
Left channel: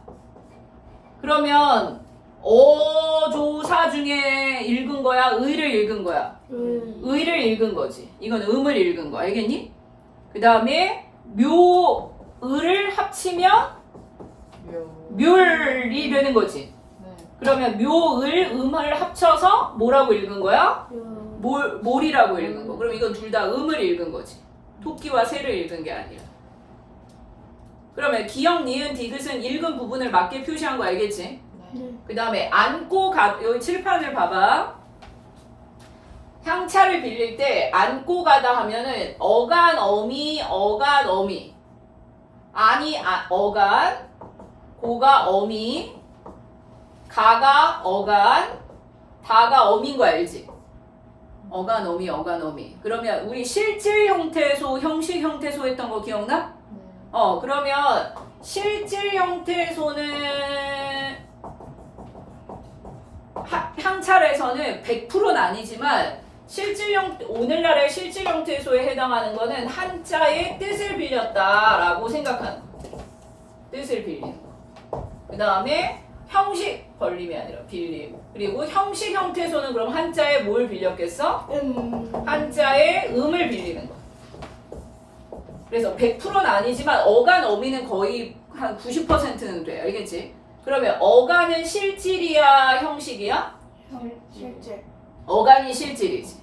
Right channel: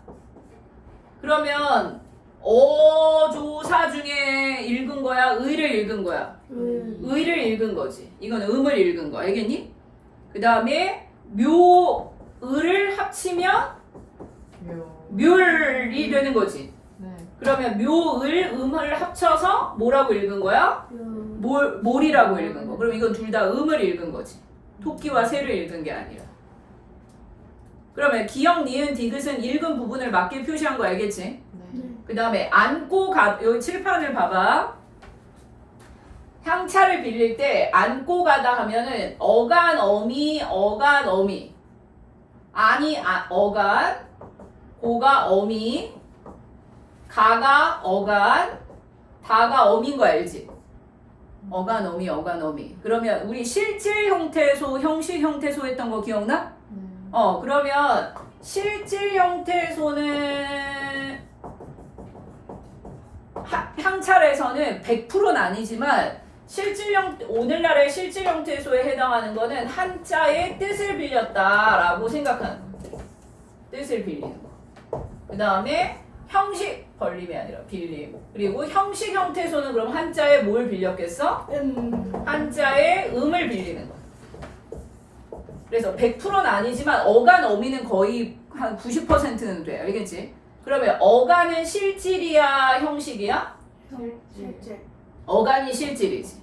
그러면 어조사 중에 읽은 거야? 의를 읽은 거야? 의를 읽은 거지. 이건 음을 읽은 거. 알겠니? 그 다음에 묘의를 합치면 묘을이 되는 거지. 네. 그러면 묘을 음을 합쳐서 뭐라고 읽은 거야? 몰이라고 읽은 거. 그럼 이건 둘 다 음을 읽은 거지. 토끼와 새를 읽은 게 아니라. 그러면 기역, 니은, 디귿은 읽은 부분을 맞게 표시한 거 알겠지? 네. 그 다음에 안고 가, 여기 칠판을 봐봐. 향차를 빌릴 때 안고 가다 하면은 어간, 어미, 어간, 고가 어미, 가가 어간, 다가 어미인 거 알지? 어간, 어미. 그러면 우리 실질 형태소, 형식 형태소 했던 거 기억나? 그러면 실질 형태소는 향찰에서는 100%는 아니지만 오늘날의 실질 형태소에 해당하는 거는 한자의 뜻을 빌렸다라고 생각하는 거. 뜻을 빌리는 거. 그 다음에 형식 벌림이 아니라 빌림. 그리고 형식 형태소는 그럼 한자에 뭘 빌렸겠어? 한자에 음을 빌리는 거. 그래서 100%는 아니지만 어간 어미는 거의 한 90%는 돼. 알겠지? 그러면 어간은 실질이야, 형식이야? 실질. 어간이 실질이지.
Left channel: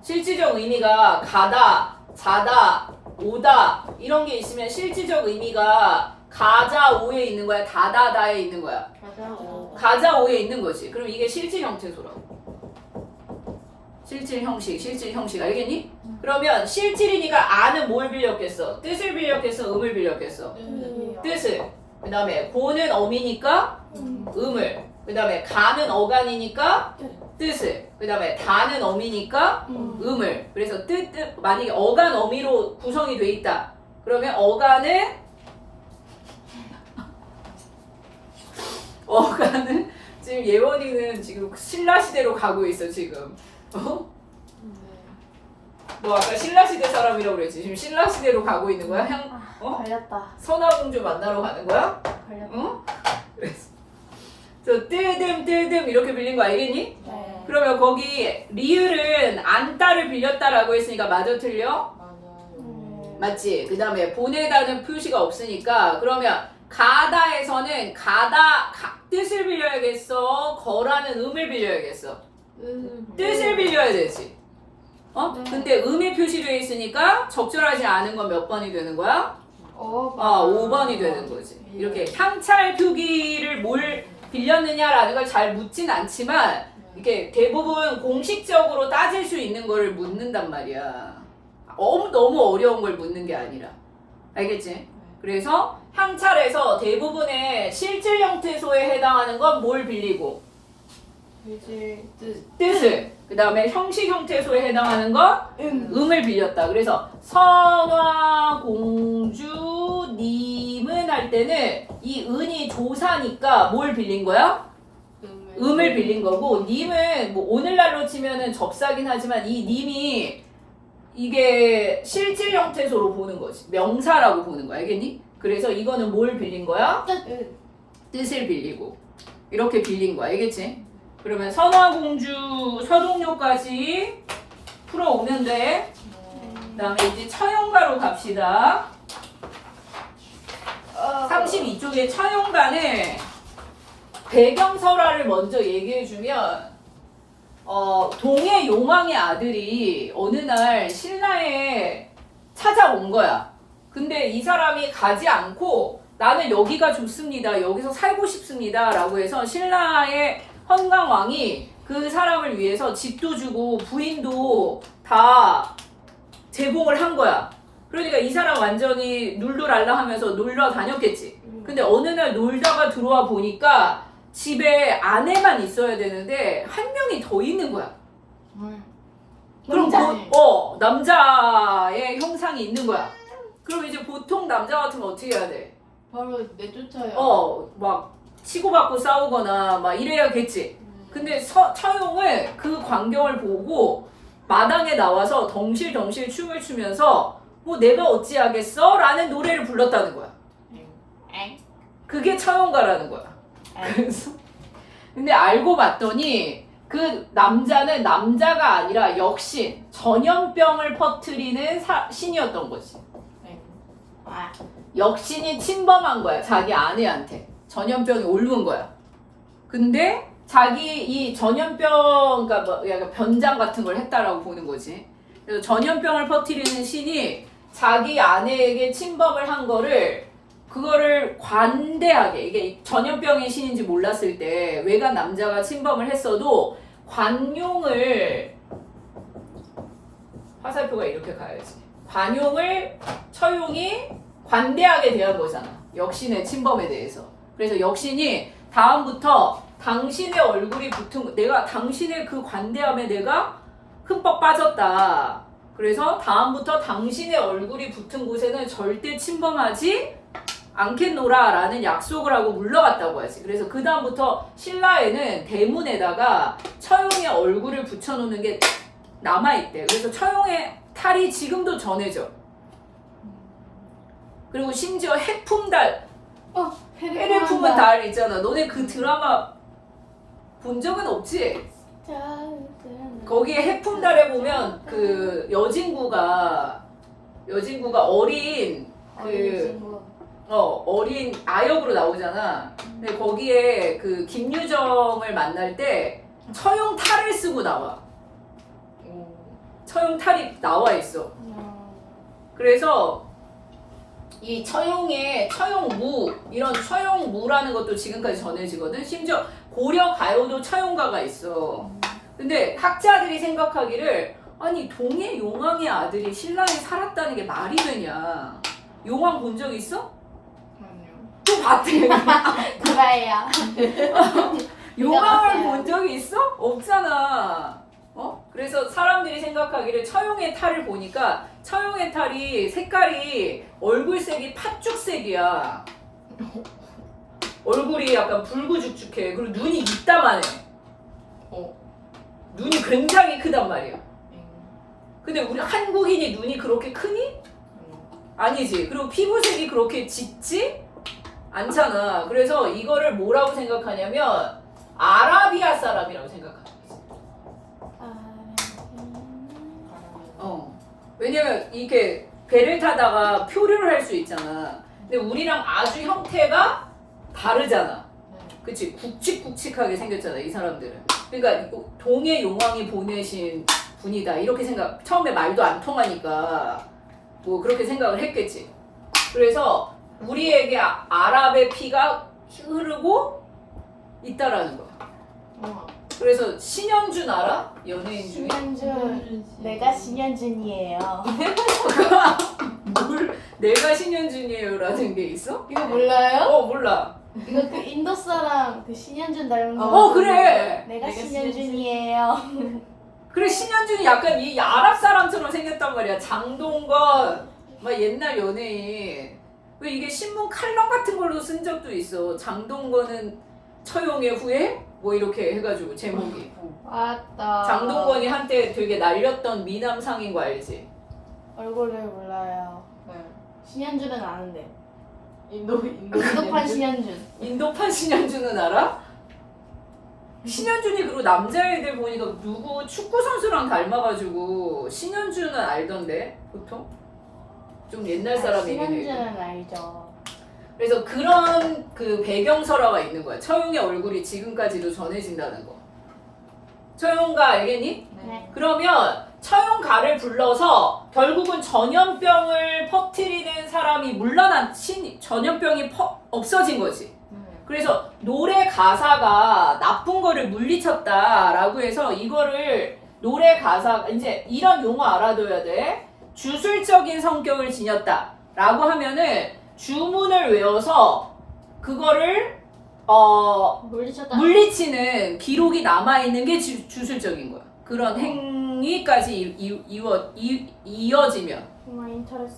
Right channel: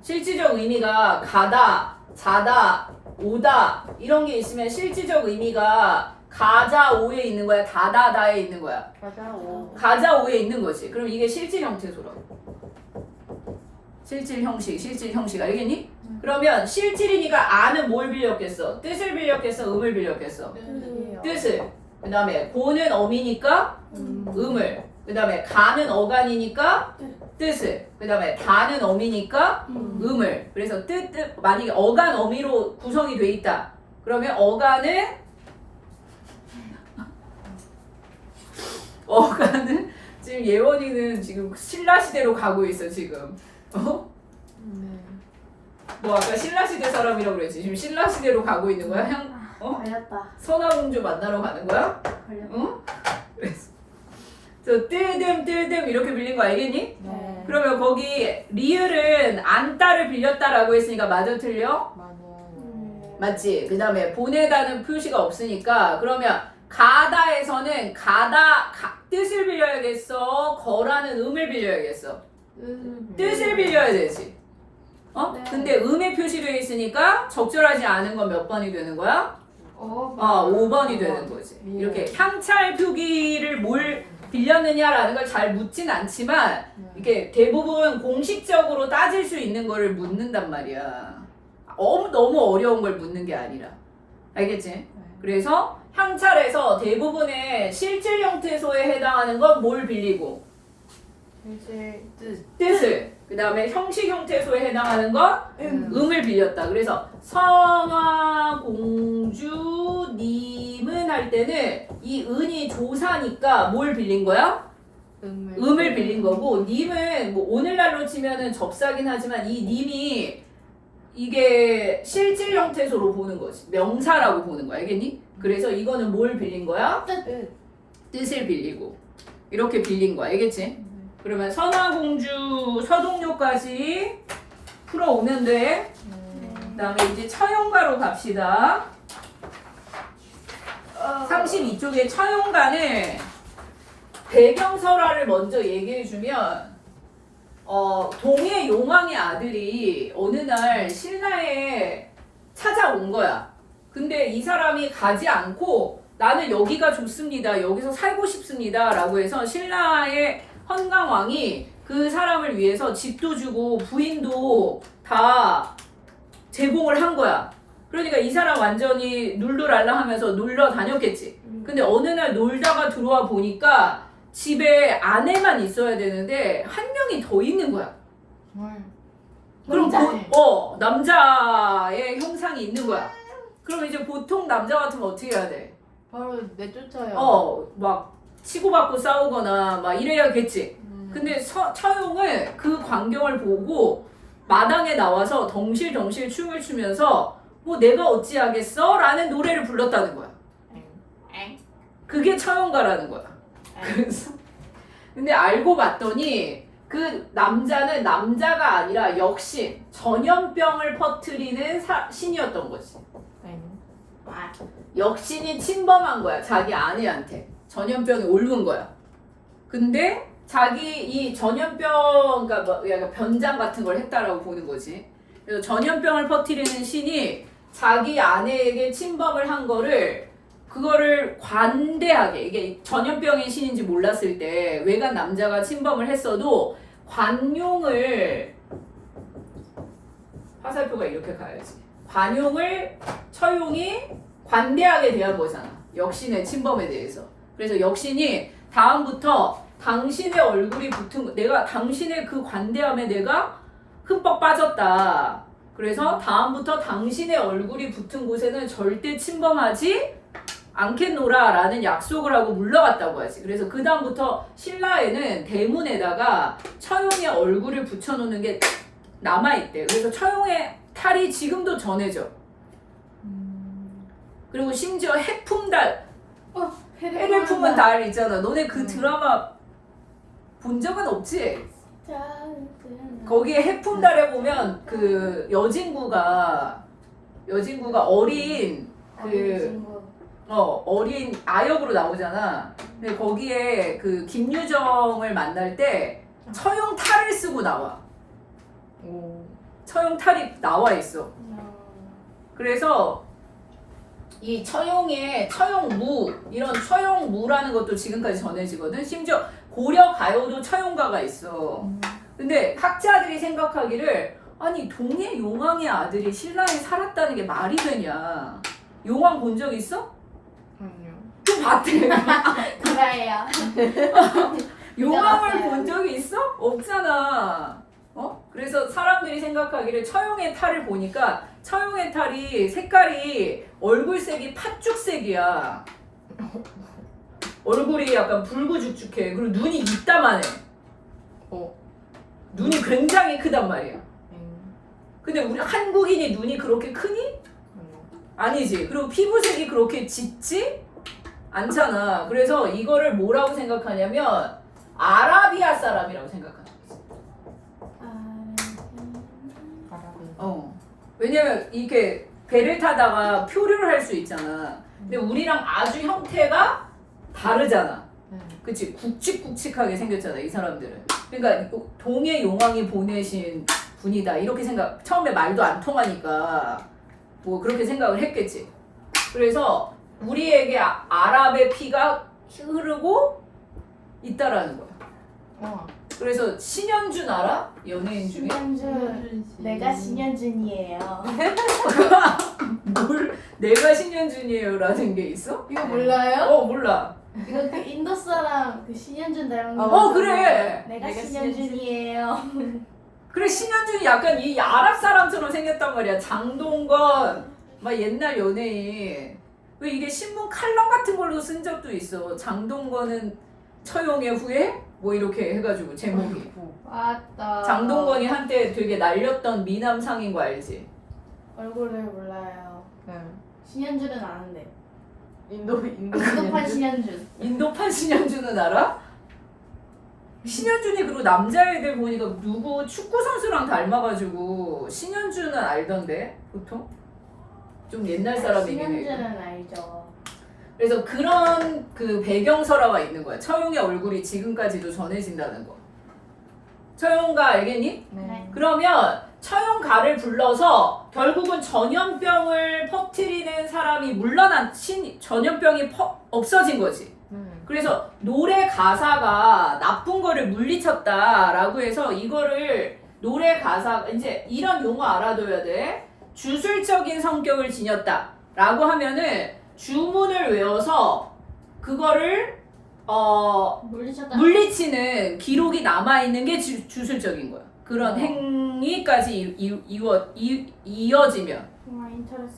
실질적 의미가 가다, 자다, 오다 이런 게 있으면 실질적 의미가 가자 오에 있는 거야, 다다다에 있는 거야. 가자 오에 있는 거지. 그럼 이게 실질 형태소라고. 실질 형식 알겠니? 그러면 실질이니까 아는 뭘 빌렸겠어? 뜻을 빌렸겠어? 음을 빌렸겠어? 뜻을. 그 다음에 고는 어미니까 음을. 그 다음에 가는 어간이니까 뜻을. 그 다음에 다는 어미니까 음을. 그래서 만약에 어간 어미로 구성이 돼 있다. 그러면 어간은 지금 예원이는 지금 신라시대로 가고 있어 지금. 뭐 아까 신라시대 사람이라고 그랬지. 지금 신라시대로 가고 있는 거야? 걸렸다. 선화공주 만나러 가는 거야? 걸렸다. 응? 그래서 저 뜨듬 이렇게 빌린 거 알겠니? 네. 그러면 거기 리을은 안다를 빌렸다라고 했으니까 맞아 틀려? 맞아요. 맞지? 그 다음에 보내다는 표시가 없으니까 그러면 가다에서는 뜻을 빌려야겠어? 거라는 음을 빌려야겠어? 뜻을 빌려야 되지. 어? 네. 근데 음의 표시되어 있으니까 적절하지 않은 건 몇 번이 되는 거야? 5번이 되는 거지. 이렇게 향찰 표기를 뭘 빌렸느냐라는 걸 잘 묻진 않지만 이게 대부분 공식적으로 따질 수 있는 거를 묻는단 말이야. 너무 어려운 걸 묻는 게 아니라. 알겠지? 그래서 향찰에서 대부분의 실질 형태소에 해당하는 건 뭘 빌리고? 이제 뜻을. 그 다음에 형식 형태소에 해당하는 건 음을 빌렸다. 그래서 선화공주님은 할 때는 이 은이 조사니까 뭘 빌린 거야? 음을 빌린 거고, 님은 뭐 오늘날로 치면은 접사긴 하지만 이 님이 이게 실질 형태소로 보는 거지. 명사라고 보는 거야. 알겠니? 그래서 이거는 뭘 빌린 거야? 뜻을 빌리고. 이렇게 빌린 거야. 알겠지? 그러면 선화공주 서동요까지 풀어오는데, 그 다음에 이제 처용가로 갑시다. 32쪽에 처용가는 배경설화를 먼저 얘기해주면, 동해 용왕의 아들이 어느 날 신라에 찾아온 거야. 근데 이 사람이 가지 않고 나는 여기가 좋습니다. 여기서 살고 싶습니다. 라고 해서 신라의 헌강왕이 그 사람을 위해서 집도 주고 부인도 다 제공을 한 거야. 그러니까 이 사람 완전히 눌루랄라 하면서 놀러 다녔겠지. 근데 어느 날 놀다가 들어와 보니까 집에 아내만 있어야 되는데 한 명이 더 있는 거야. 그럼 남자의 형상이 있는 거야. 그럼 이제 보통 남자 같으면 어떻게 해야 돼? 바로 내쫓아요. 막 치고받고 싸우거나 막 이래야겠지. 근데 처용은 그 광경을 보고 마당에 나와서 덩실덩실 춤을 추면서 뭐 내가 어찌하겠어? 라는 노래를 불렀다는 거야. 그게 처용가라는 거야. 그래서 근데 알고 봤더니 그 남자는 남자가 아니라 역신, 전염병을 퍼뜨리는 신이었던 거지. 역신이 침범한 거야. 자기 아내한테. 전염병이 옮은 거야. 근데 자기 이 전염병, 그러니까 뭐 약간 변장 같은 걸 했다라고 보는 거지. 그래서 전염병을 퍼뜨리는 신이 자기 아내에게 침범을 한 거를 그거를 관대하게, 이게 전염병이 신인지 몰랐을 때 외간 남자가 침범을 했어도 관용을, 화살표가 이렇게 가야지. 관용을 처용이 관대하게 대한 거잖아. 역신의 침범에 대해서. 그래서 역신이 다음부터 당신의 얼굴이 붙은, 내가 당신의 그 관대함에 내가 흠뻑 빠졌다. 그래서 다음부터 당신의 얼굴이 붙은 곳에는 절대 침범하지 않겠노라 라는 약속을 하고 물러갔다고 하지. 그래서 그 다음부터 신라에는 대문에다가 처용의 얼굴을 붙여놓는 게 남아있대. 그래서 처용의 탈이 지금도 전해져. 그리고 심지어 해품달, 해를 품은 달 있잖아. 너네 그 드라마 본 적은 없지? 거기에 해품달에 보면 그 여진구가 어린 어린 아역으로 나오잖아. 근데 거기에 그 김유정을 만날 때 처용 탈을 쓰고 나와. 처용 탈이 나와 있어. 그래서 이 처용의 처용무, 이런 처용무라는 것도 지금까지 전해지거든. 심지어 고려 가요도 처용가가 있어. 근데 학자들이 생각하기를 아니 동해 용왕의 아들이 신라에 살았다는 게 말이 되냐. 용왕 본 적 있어? 아니요. 또 봤대. 그래요. 용왕을 본 적이 있어? 없잖아. 그래서 사람들이 생각하기를 처용의 탈을 보니까 처용의 탈이 색깔이 얼굴색이 팥죽색이야. 얼굴이 약간 붉고죽죽해. 그리고 눈이 이따만해. 눈이 굉장히 크단 말이야. 근데 우리 한국인이 눈이 그렇게 크니? 아니지. 그리고 피부색이 그렇게 짙지? 않잖아. 그래서 이거를 뭐라고 생각하냐면 아라비아 사람이라고 생각하는 거지. 왜냐면 이렇게 배를 타다가 표류를 할 수 있잖아. 근데 우리랑 아주 형태가 다르잖아. 그치? 굵직굵직하게 생겼잖아, 이 사람들은. 그러니까 동해 용왕이 보내신 분이다. 이렇게 생각, 처음에 말도 안 통하니까 뭐 그렇게 생각을 했겠지. 그래서 우리에게 아랍의 피가 흐르고 있다라는 거야. 그래서 신현준 알아? 연예인 중에? 신현준. 내가 신현준이에요. 뭘 내가 신현준이에요라는 게 있어? 이거 몰라요? 몰라. 이거 그 인도 사람 그 신현준 닮은 거. 그래. 내가 내가 신현준이에요. 그래, 신현준이 약간 이 아랍 사람처럼 생겼단 말이야. 장동건 막 옛날 연예인. 왜 이게 신문 칼럼 같은 걸로 쓴 적도 있어. 장동건은 처용의 후예? 뭐 이렇게 해가지고 제목이. 맞다. 장동건이 한때 되게 날렸던 미남상인 거 알지? 얼굴을 몰라요. 응. 신현준은 아는데. 인도판 인도판 신현준. 인도판 신현준은 알아? 신현준이 그리고 남자애들 보니까 누구 축구 선수랑 닮아가지고 신현준은 알던데 보통? 좀 옛날 사람이긴 해. 신현준은 알죠. 그래서 그런 그 배경설화가 있는 거야. 처용의 얼굴이 지금까지도 전해진다는 거. 처용가 알겠니? 네. 그러면 처용가를 불러서 결국은 전염병을 퍼뜨리는 사람이 물러난 전염병이 없어진 거지. 그래서 노래 가사가 나쁜 거를 물리쳤다라고 해서 이거를 노래 가사 이제 이런 용어 알아둬야 돼. 주술적인 성격을 지녔다라고 하면은 주문을 외워서 그거를 물리치는 기록이 남아있는 게 주술적인 거야. 그런 행위까지 이어지면.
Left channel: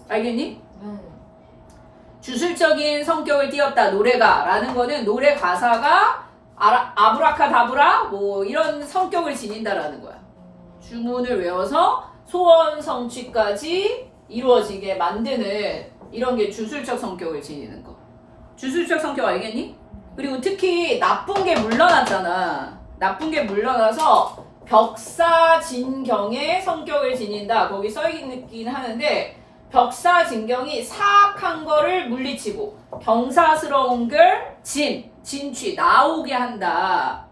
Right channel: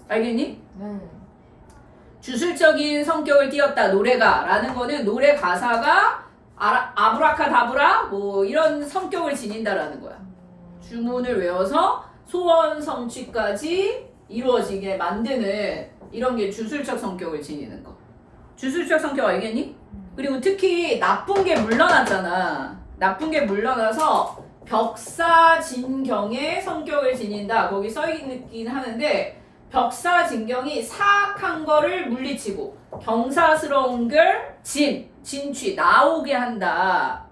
알겠니? 주술적인 성격을 띠었다 노래가 라는 거는 노래 가사가 아브라카다브라 뭐 이런 성격을 지닌다라는 거야. 주문을 외워서 소원 성취까지 이루어지게 만드는 이런 게 주술적 성격을 지니는 거. 주술적 성격 알겠니? 그리고 특히 나쁜 게 물러났잖아. 나쁜 게 물러나서 벽사진경의 성격을 지닌다. 거기 써있긴 하는데 벽사진경이 사악한 거를 물리치고 경사스러운 걸 진취 나오게 한다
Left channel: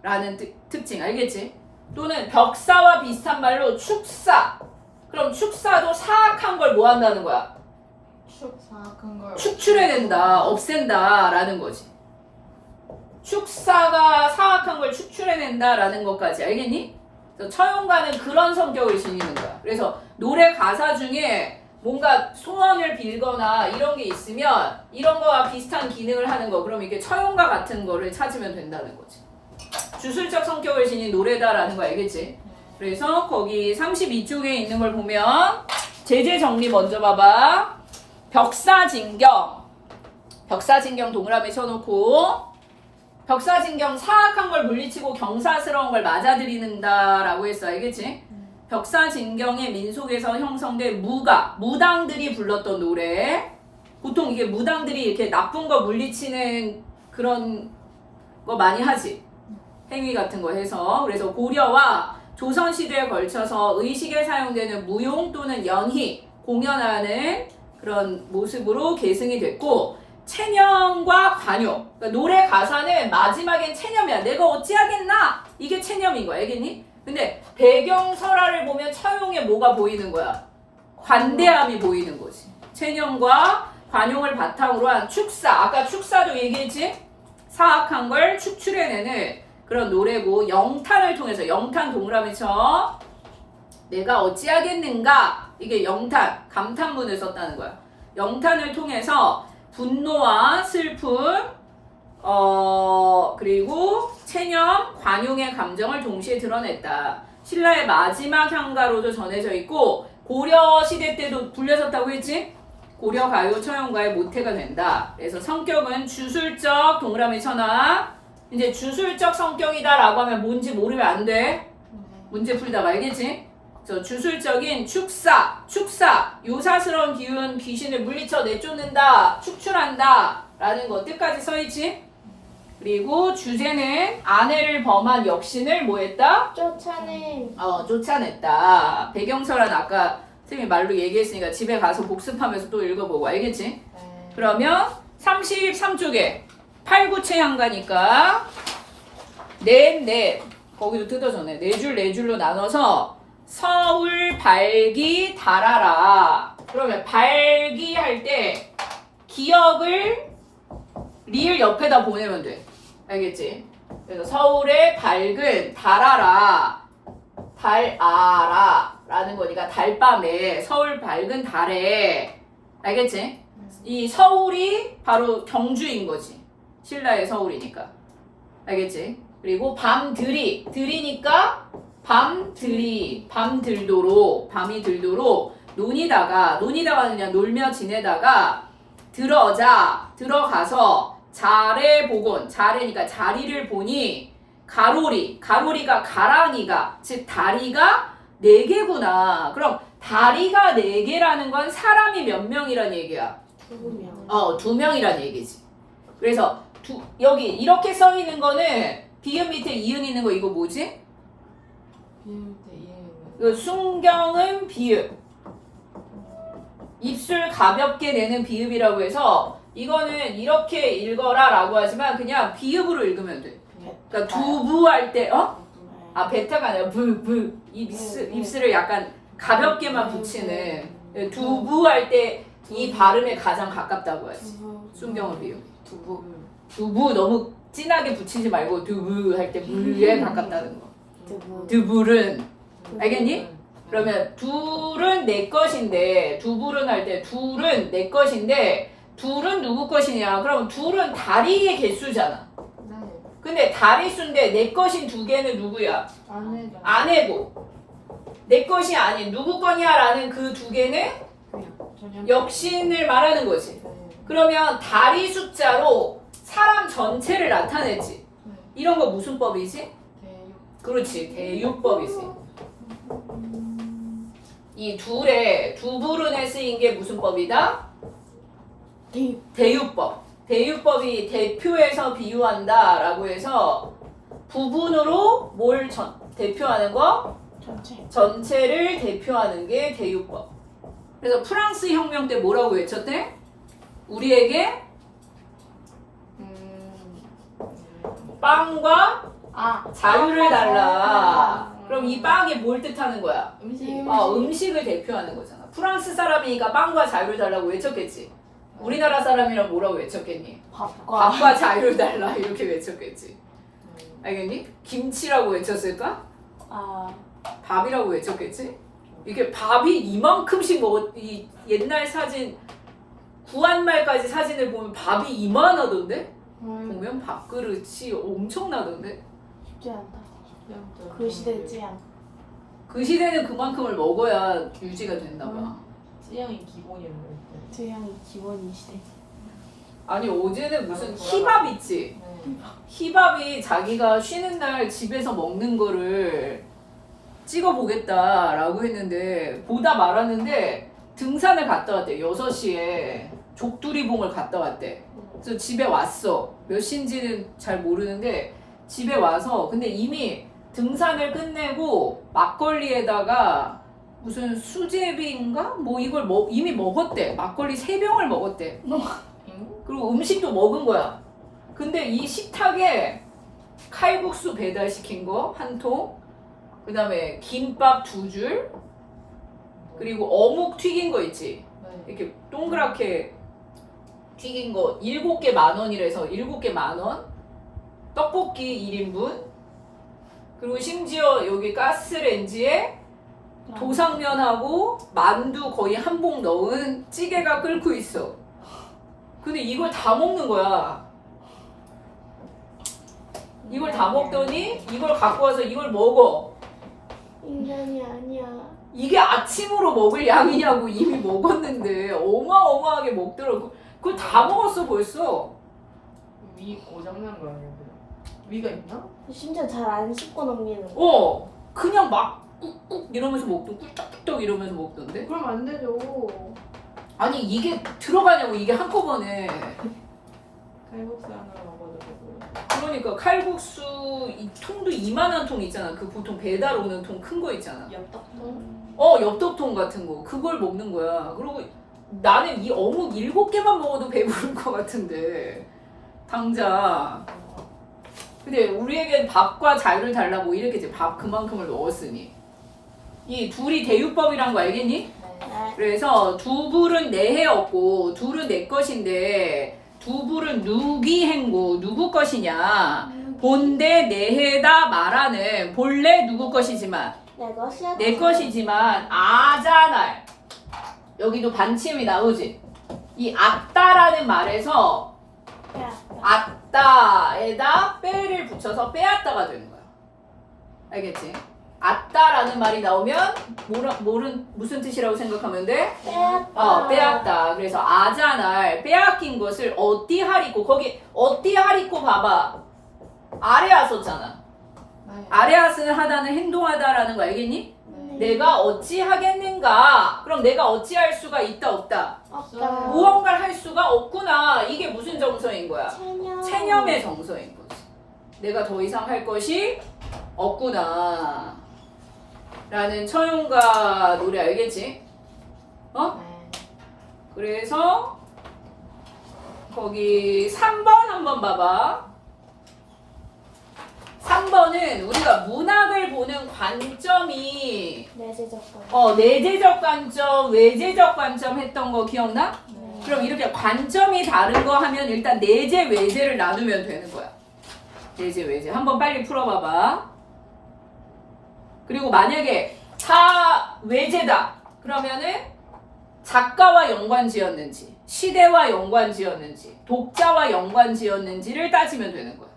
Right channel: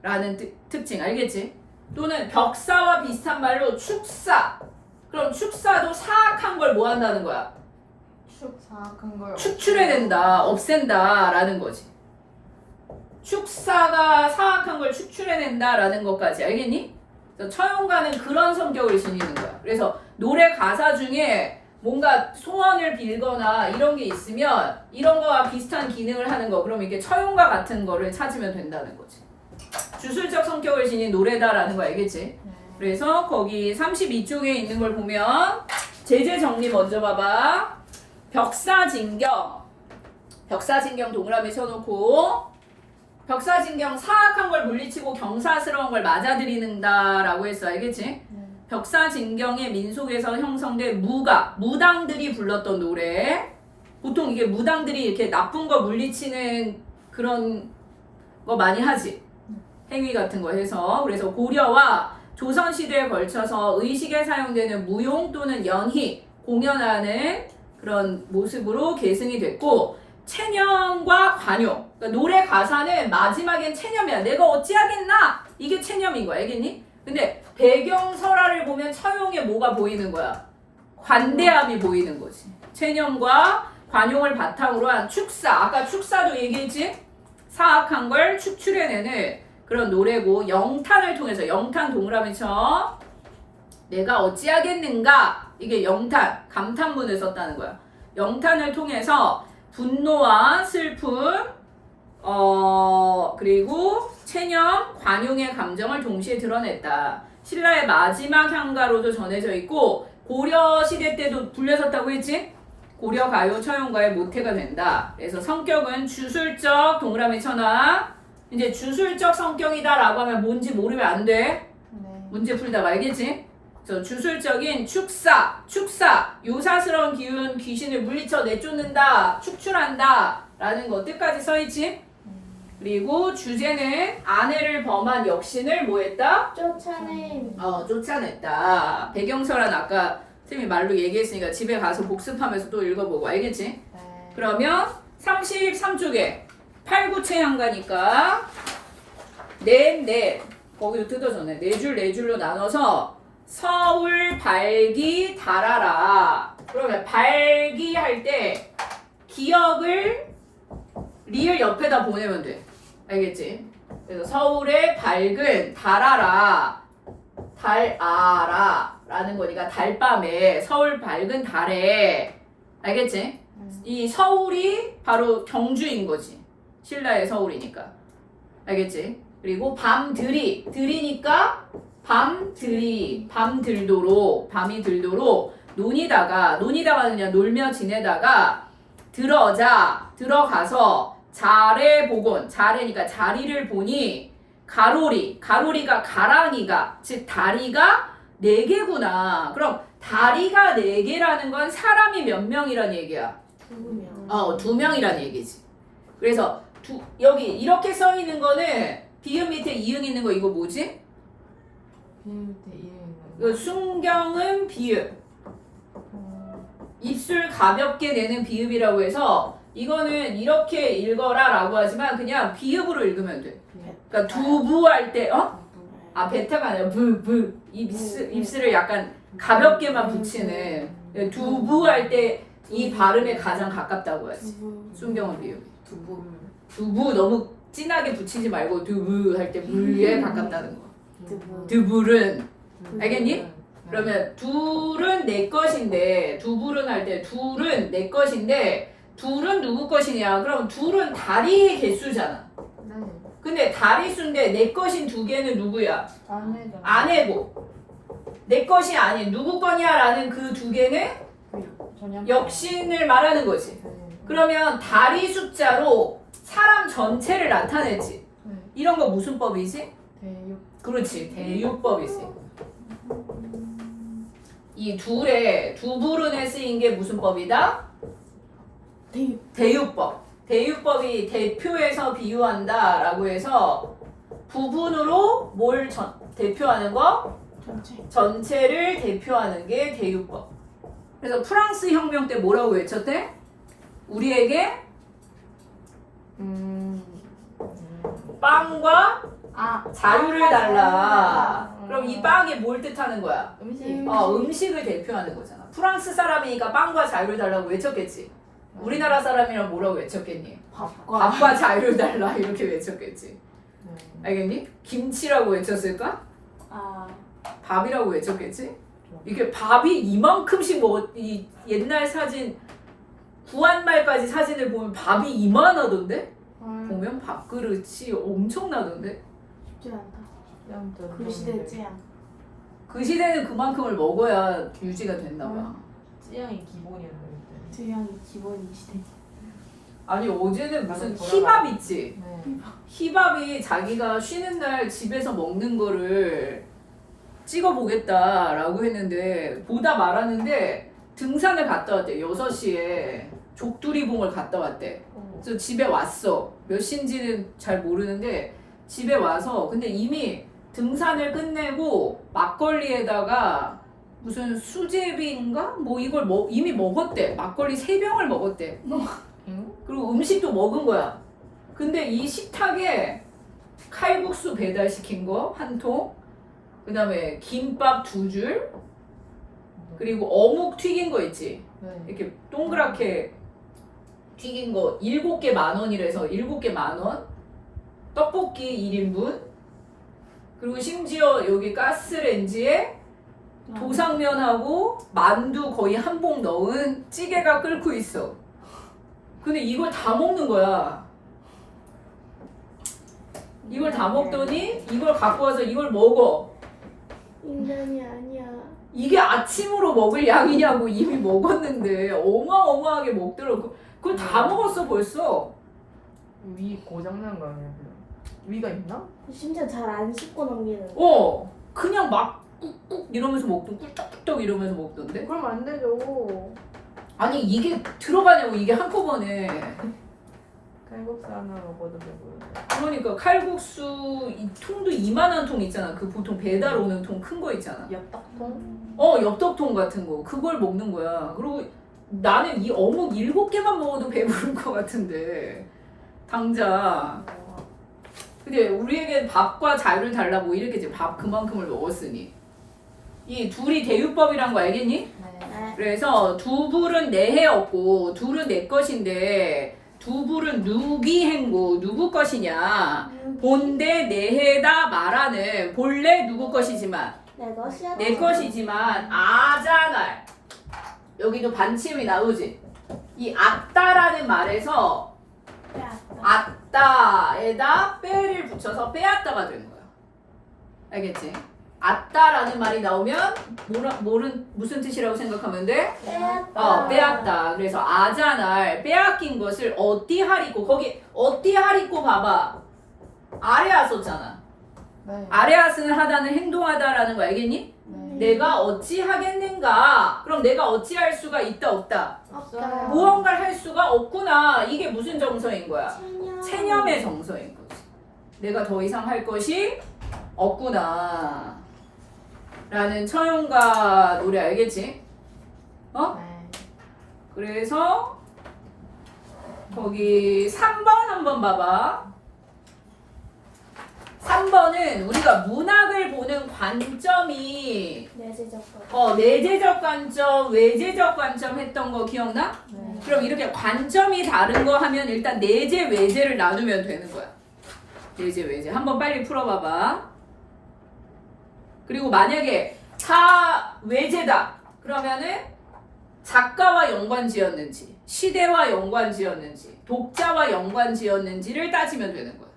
라는 특징 알겠지? 또는 벽사와 비슷한 말로 축사. 그럼 축사도 사악한 걸 뭐 한다는 거야? 사악한 걸 축출해낸다, 없앤다 라는 거지. 축사가 사악한 걸 축출해낸다 라는 것까지 알겠니? 처용가는 그런 성격을 지니는 거야. 그래서 노래 가사 중에 뭔가 소원을 빌거나 이런 게 있으면 이런 거와 비슷한 기능을 하는 거 그럼 이게 처용가 같은 거를 찾으면 된다는 거지. 주술적 성격을 지닌 노래다라는 거 알겠지? 그래서 거기 32쪽에 있는 걸 보면 제재 정리 먼저 봐봐. 벽사진경 동그라미 쳐놓고 벽사진경 사악한 걸 물리치고 경사스러운 걸 맞아들이는다라고 했어 알겠지? 벽사진경의 민속에서 형성된 무당들이 불렀던 노래. 보통 이게 무당들이 이렇게 나쁜 거 물리치는 그런 거 많이 하지. 행위 같은 거 해서. 그래서 고려와 조선시대에 걸쳐서 의식에 사용되는 무용 또는 연희, 공연하는 그런 모습으로 계승이 됐고 체념과 관용. 그러니까 노래 가사는 마지막엔 체념이야. 내가 어찌하겠나? 이게 체념인 거야. 알겠니? 근데 배경설화를 보면 처용에 뭐가 보이는 거야? 관대함이 보이는 거지. 체념과 관용을 바탕으로 한 축사. 아까 축사도 얘기했지? 사악한 걸 축출해내는 그런 노래고 영탄을 통해서 영탄 동그라미 쳐. 내가 어찌하겠는가? 이게 영탄, 감탄문을 썼다는 거야. 영탄을 통해서 분노와 슬픔, 그리고 체념, 관용의 감정을 동시에 드러냈다. 신라의 마지막 향가로도 전해져 있고 고려 시대 때도 불려졌다고 했지? 고려 가요 처용가의 모태가 된다. 그래서 성격은 주술적 동그라미 쳐놔. 이제 주술적 성격이다라고 하면 뭔지 모르면 안 돼. 문제 풀다가 알겠지? 저 주술적인 축사, 요사스러운 기운 귀신을 물리쳐 내쫓는다, 축출한다 라는 거 뜻까지 써있지. 그리고 주제는 아내를 범한 역신을 뭐했다? 쫓아내. 쫓아냈다. 배경설은 아까 선생님이 말로 얘기했으니까 집에 가서 복습하면서 또 읽어보고 알겠지? 그러면 33쪽에 8구체향가니까 넷 거기도 뜯어졌네. 네 줄로 나눠서 서울 발기 달아라. 그러면 발기 할 때 기억을 리을 옆에다 보내면 돼. 알겠지? 그래서 서울의 밝은 달아라 라는 거니까 달밤에 서울 밝은 달에 알겠지? 이 서울이 바로 경주인 거지. 신라의 서울이니까. 알겠지? 그리고 들이니까 밤이 들도록 논이다가 그냥 놀며 지내다가 들어가서 자래니까 자리를 보니 가로리가 가랑이가 즉 다리가 4개구나. 그럼 다리가 4개라는 건 사람이 몇 명이란 얘기야? 2명. 2명이란 얘기지. 그래서 여기 이렇게 써 있는 거는 비읍 밑에 이응 있는 거 이거 뭐지? 이거 순경은 비읍. 입술 가볍게 내는 비읍이라고 해서 이거는 이렇게 읽어라 라고 하지만 그냥 비읍으로 읽으면 돼. 그러니까 두부 할 때 베타가 아니라 입술을 약간 가볍게만 붙이는 두부 할 때 이 발음에 가장 가깝다고 하지. 순경은 비읍. 두부 너무 진하게 붙이지 말고 두부 할 때 물에 가깝다는 거. 두불은 알겠니? 그러면 둘은 내 것인데 두불은 할 때 둘은 내 것인데 둘은 누구 것이냐? 그럼 둘은 다리의 개수잖아. 근데 다리 수인데 내 것인 2개는 누구야? 아내고 내 것이 아닌 누구 거냐라는 그 2개는 역신을 말하는 거지. 그러면 다리 숫자로 사람 전체를 나타내지. 이런 거 무슨 법이지? 그렇지, 대유법이지. 이 두불은에 쓰인 게 무슨 법이다? 대유법. 대유법이 대표해서 비유한다 라고 해서 부분으로 뭘 대표하는 거? 전체를 대표하는 게 대유법. 그래서 프랑스 혁명 때 뭐라고 외쳤대? 우리에게 빵과 자유를 달라. 그럼 이 빵이 뭘 뜻하는 거야? 음식을 대표하는 거잖아. 프랑스 사람이니까 빵과 자유를 달라고 외쳤겠지. 우리나라 사람이랑 뭐라고 외쳤겠니? 밥과 자유를 달라 이렇게 외쳤겠지. 알겠니? 김치라고 외쳤을까? 밥이라고 외쳤겠지? 이게 밥이 이만큼씩 이 옛날 사진 구한말까지 사진을 보면 밥이 이만하던데? 보면 밥그릇이 엄청나던데? 쉽지 않다. 그 시대지 않다. 그 시대는 그만큼을 먹어야 유지가 됐나봐. 찌양이 기본이었는데. 찌양이 기본이 시대. 아니 어제는 무슨 힙합 있지? 힙합이 자기가 쉬는 날 집에서 먹는 거를 찍어보겠다라고 했는데 보다 말았는데 등산을 갔다 왔대. 6시에 족두리봉을 갔다 왔대. 그래서 집에 왔어. 몇 시인지는 잘 모르는데 집에 와서 근데 이미 등산을 끝내고 막걸리에다가 무슨 수제비인가? 뭐 이걸 이미 먹었대. 막걸리 3병을 먹었대. 그리고 음식도 먹은 거야. 근데 이 식탁에 칼국수 배달시킨 거 1통, 그 다음에 김밥 2줄, 그리고 어묵 튀긴 거 있지? 이렇게 동그랗게 튀긴 거 7개 10,000원이라서 7개 10,000원, 떡볶이 1인분, 그리고 심지어 여기 가스레인지에 도상면하고 만두 거의 한 봉 넣은 찌개가 끓고 있어. 근데 이걸 다 먹는 거야. 이걸 다 먹더니 이걸 갖고 와서 이걸 먹어. 인간이 아니야. 이게 아침으로 먹을 양이냐고. 이미 먹었는데 어마어마하게 먹더라고. 그걸 다 먹었어 벌써. 위 고장난 거 아니야? 위가 있나? 심지어 잘 안 씻고 넘기는. 그냥 막 꾹꾹 이러면서 먹던 꿀떡꿀떡 이러면서 먹던데? 그럼 안 되죠. 아니 이게 들어가냐고 이게 한꺼번에. 칼국수 하나 먹어도 되고요. 그러니까 칼국수 이 통도 이만한 통 있잖아. 그 보통 배달 오는 통 큰 거 있잖아. 엽떡통? 엽떡통 같은 거 그걸 먹는 거야. 그리고 나는 이 어묵 7개만 먹어도 배부른 것 같은데 당장. 근데 우리에겐 밥과 자유를 달라고 이렇게 이제 밥 그만큼을 먹었으니 이 둘이 대유법이란 거 알겠니? 네. 그래서 두불은 내 해였고 둘은 내 것인데 두불은 누기 행고 누구 것이냐 본대 내 해다 말하는 본래 누구 것이지만 내 것이야. 내 것이지만 아자날 여기도 반침이 나오지. 이 아따라는 말에서 아따에다 빼를 붙여서 빼앗다가 되는 거야. 알겠지? 아따라는 말이 나오면 무슨 뜻이라고 생각하면 돼? 빼앗다. 빼앗다. 그래서 아자날 빼앗긴 것을 어띠하리고 거기 어띠하리고 봐봐. 아레아 썼잖아. 네. 아레아스는 하다는 행동하다라는 거 알겠니? 네. 내가 어찌 하겠는가? 그럼 내가 어찌할 수가 있다 없다? 없다. 무언가를 할 수가 없구나. 이게 무슨 정서인 거야? 체념의 정서인 거지. 내가 더 이상 할 것이 없구나. 라는 처용가 노래 알겠지? 네. 그래서 거기 3번 한번 봐봐. 3번은 우리가 문학을 보는 관점이 내재적 관. 내재적 관점, 외재적 관점 했던 거 기억나? 네. 그럼 이렇게 관점이 다른 거 하면 일단 내재, 외재를 나누면 되는 거야. 내재, 외재. 한번 빨리 풀어봐봐. 그리고 만약에 다 외재다. 그러면은 작가와 연관지었는지, 시대와 연관지었는지, 독자와 연관지었는지를 따지면 되는 거야.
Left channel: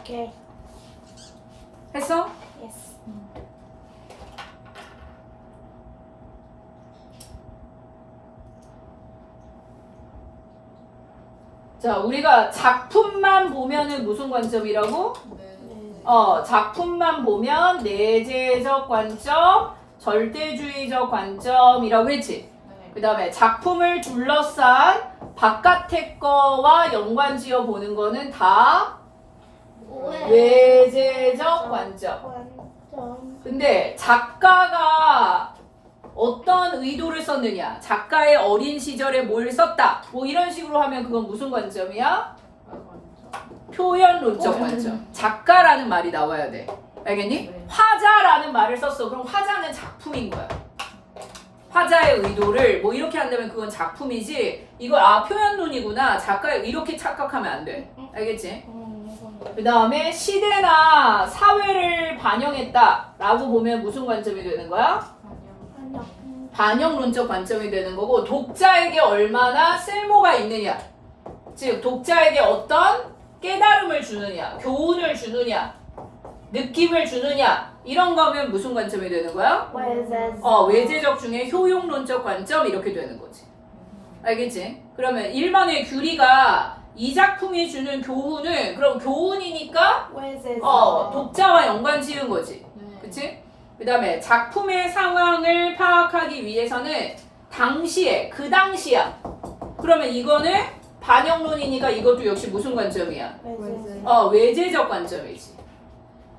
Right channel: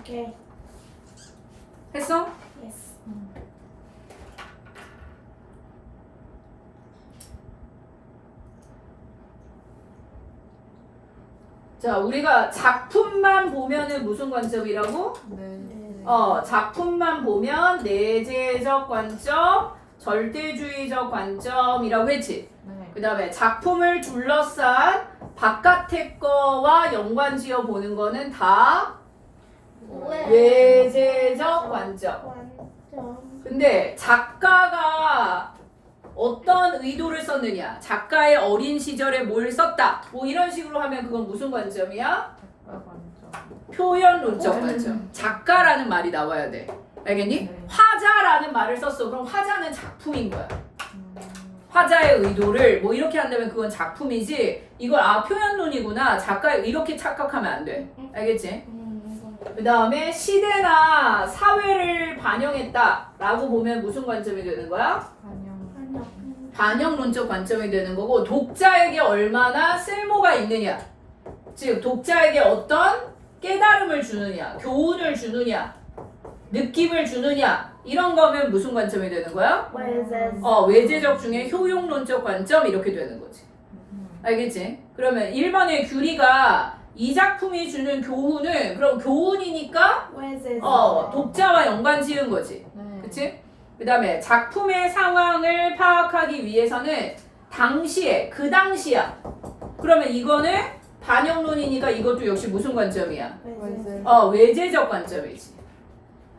오케이. 했어? 예스. 자, 우리가 작품만 보면은 무슨 관점이라고? 네. 작품만 보면 내재적 관점, 절대주의적 관점이라고 했지. 네. 그 다음에 작품을 둘러싼 바깥의 거와 연관지어 보는 거는 다 외재적 관점. 근데 작가가 어떤 의도를 썼느냐, 작가의 어린 시절에 뭘 썼다, 뭐 이런 식으로 하면 그건 무슨 관점이야? 표현론적 관점. 작가라는 말이 나와야 돼. 알겠니? 네. 화자라는 말을 썼어. 그럼 화자는 작품인 거야. 화자의 의도를 뭐 이렇게 한다면 그건 작품이지, 이걸 표현론이구나, 작가 이렇게 착각하면 안 돼. 알겠지? 그 다음에 시대나 사회를 반영했다 라고 보면 무슨 관점이 되는 거야? 반영론적 관점이 되는 거고, 독자에게 얼마나 쓸모가 있느냐, 즉 독자에게 어떤 깨달음을 주느냐, 교훈을 주느냐, 느낌을 주느냐, 이런 거면 무슨 관점이 되는 거야? 외재적 중에 효용론적 관점, 이렇게 되는 거지. 알겠지? 그러면 1번의 규리가 이 작품이 주는 교훈은, 그럼 교훈이니까 독자와 연관 지은 거지. 그치? 그 다음에 작품의 상황을 파악하기 위해서는 당시에, 그 당시야. 그러면 이거는 반영론이니까 이것도 역시 무슨 관점이야? 외재적 관점이지.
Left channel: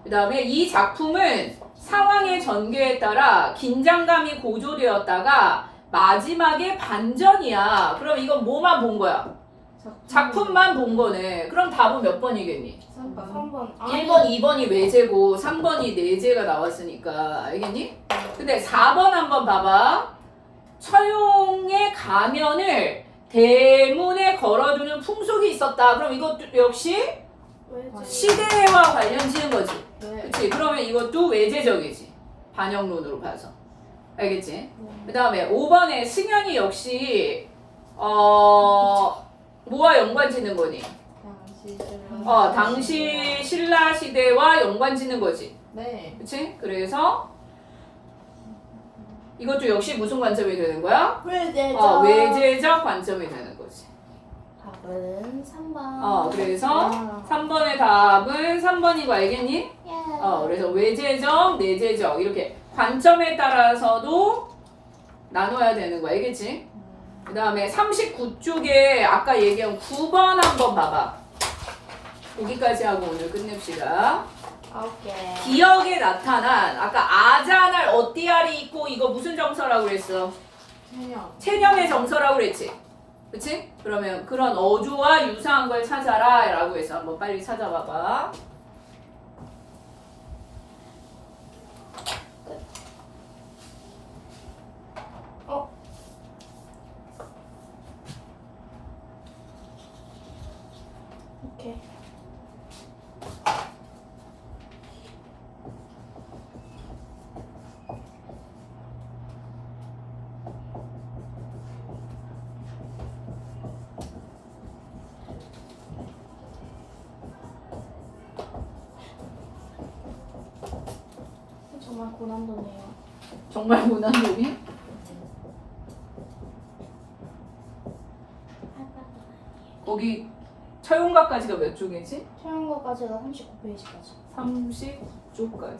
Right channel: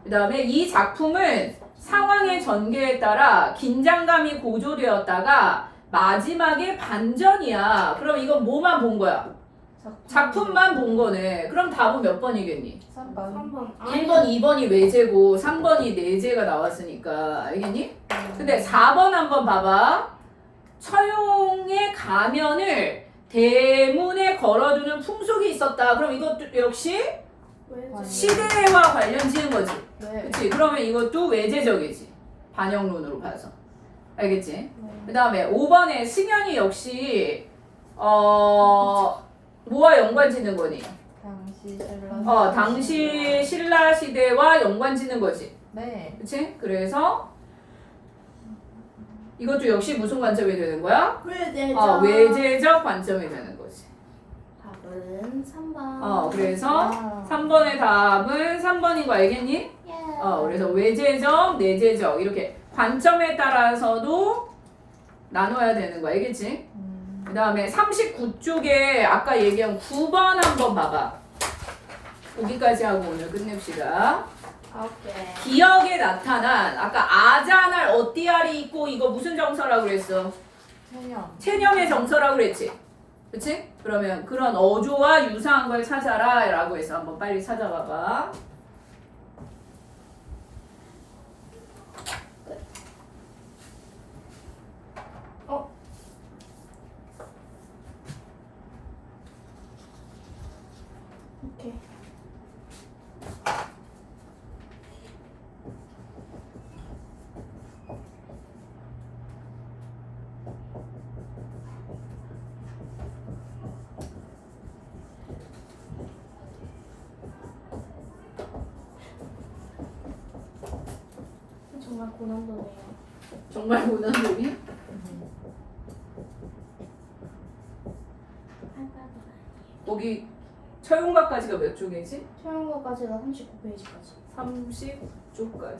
그 다음에 이 작품은 상황의 전개에 따라 긴장감이 고조되었다가 마지막에 반전이야. 그럼 이건 뭐만 본 거야? 작품만 본 거네. 그럼 답은 몇 번이겠니? 3번. 1번, 2번이 외재고 3번이 내재가 나왔으니까. 알겠니? 근데 4번 한번 봐봐. 처용의 가면을 대문에 걸어두는 풍속이 있었다. 그럼 이것도 역시 시대와 관련 지은 거지. 그치? 그러면 이것도 외재적이지. 반영론으로 봐서. 알겠지? 그 다음에 5번에 승연이 역시 뭐와 연관 짓는 거니? 당시 신라 시대와 연관짓는 거지. 네. 그치? 그래서 이것도 역시 무슨 관점이 되는 거야? 외제적 관점이 되는 거지. 답은 3번. 그래서 3번의 답은 3번인 거 알겠니? 그래서 외제적, 내제적 이렇게 관점에 따라서도 나눠야 되는 거 알겠지? 그 다음에 39쪽에 아까 얘기한 9번 한번 봐봐. 거기까지 하고 오늘 끝냅시다. 오케이. 기억에 나타난 아까 아자날 어띠알이 있고 이거 무슨 정서라고 그랬어? 체념의 정서라고 그랬지? 그치? 그러면 그런 어조와 유사한 걸 찾아라 라고 해서 한번 빨리 찾아봐봐. 오케이. 정말 고난도네요. 정말 고난도리? 거기 처용각까지가 몇 쪽이지? 처음거까지가 39페이지까지. 30쪽까지.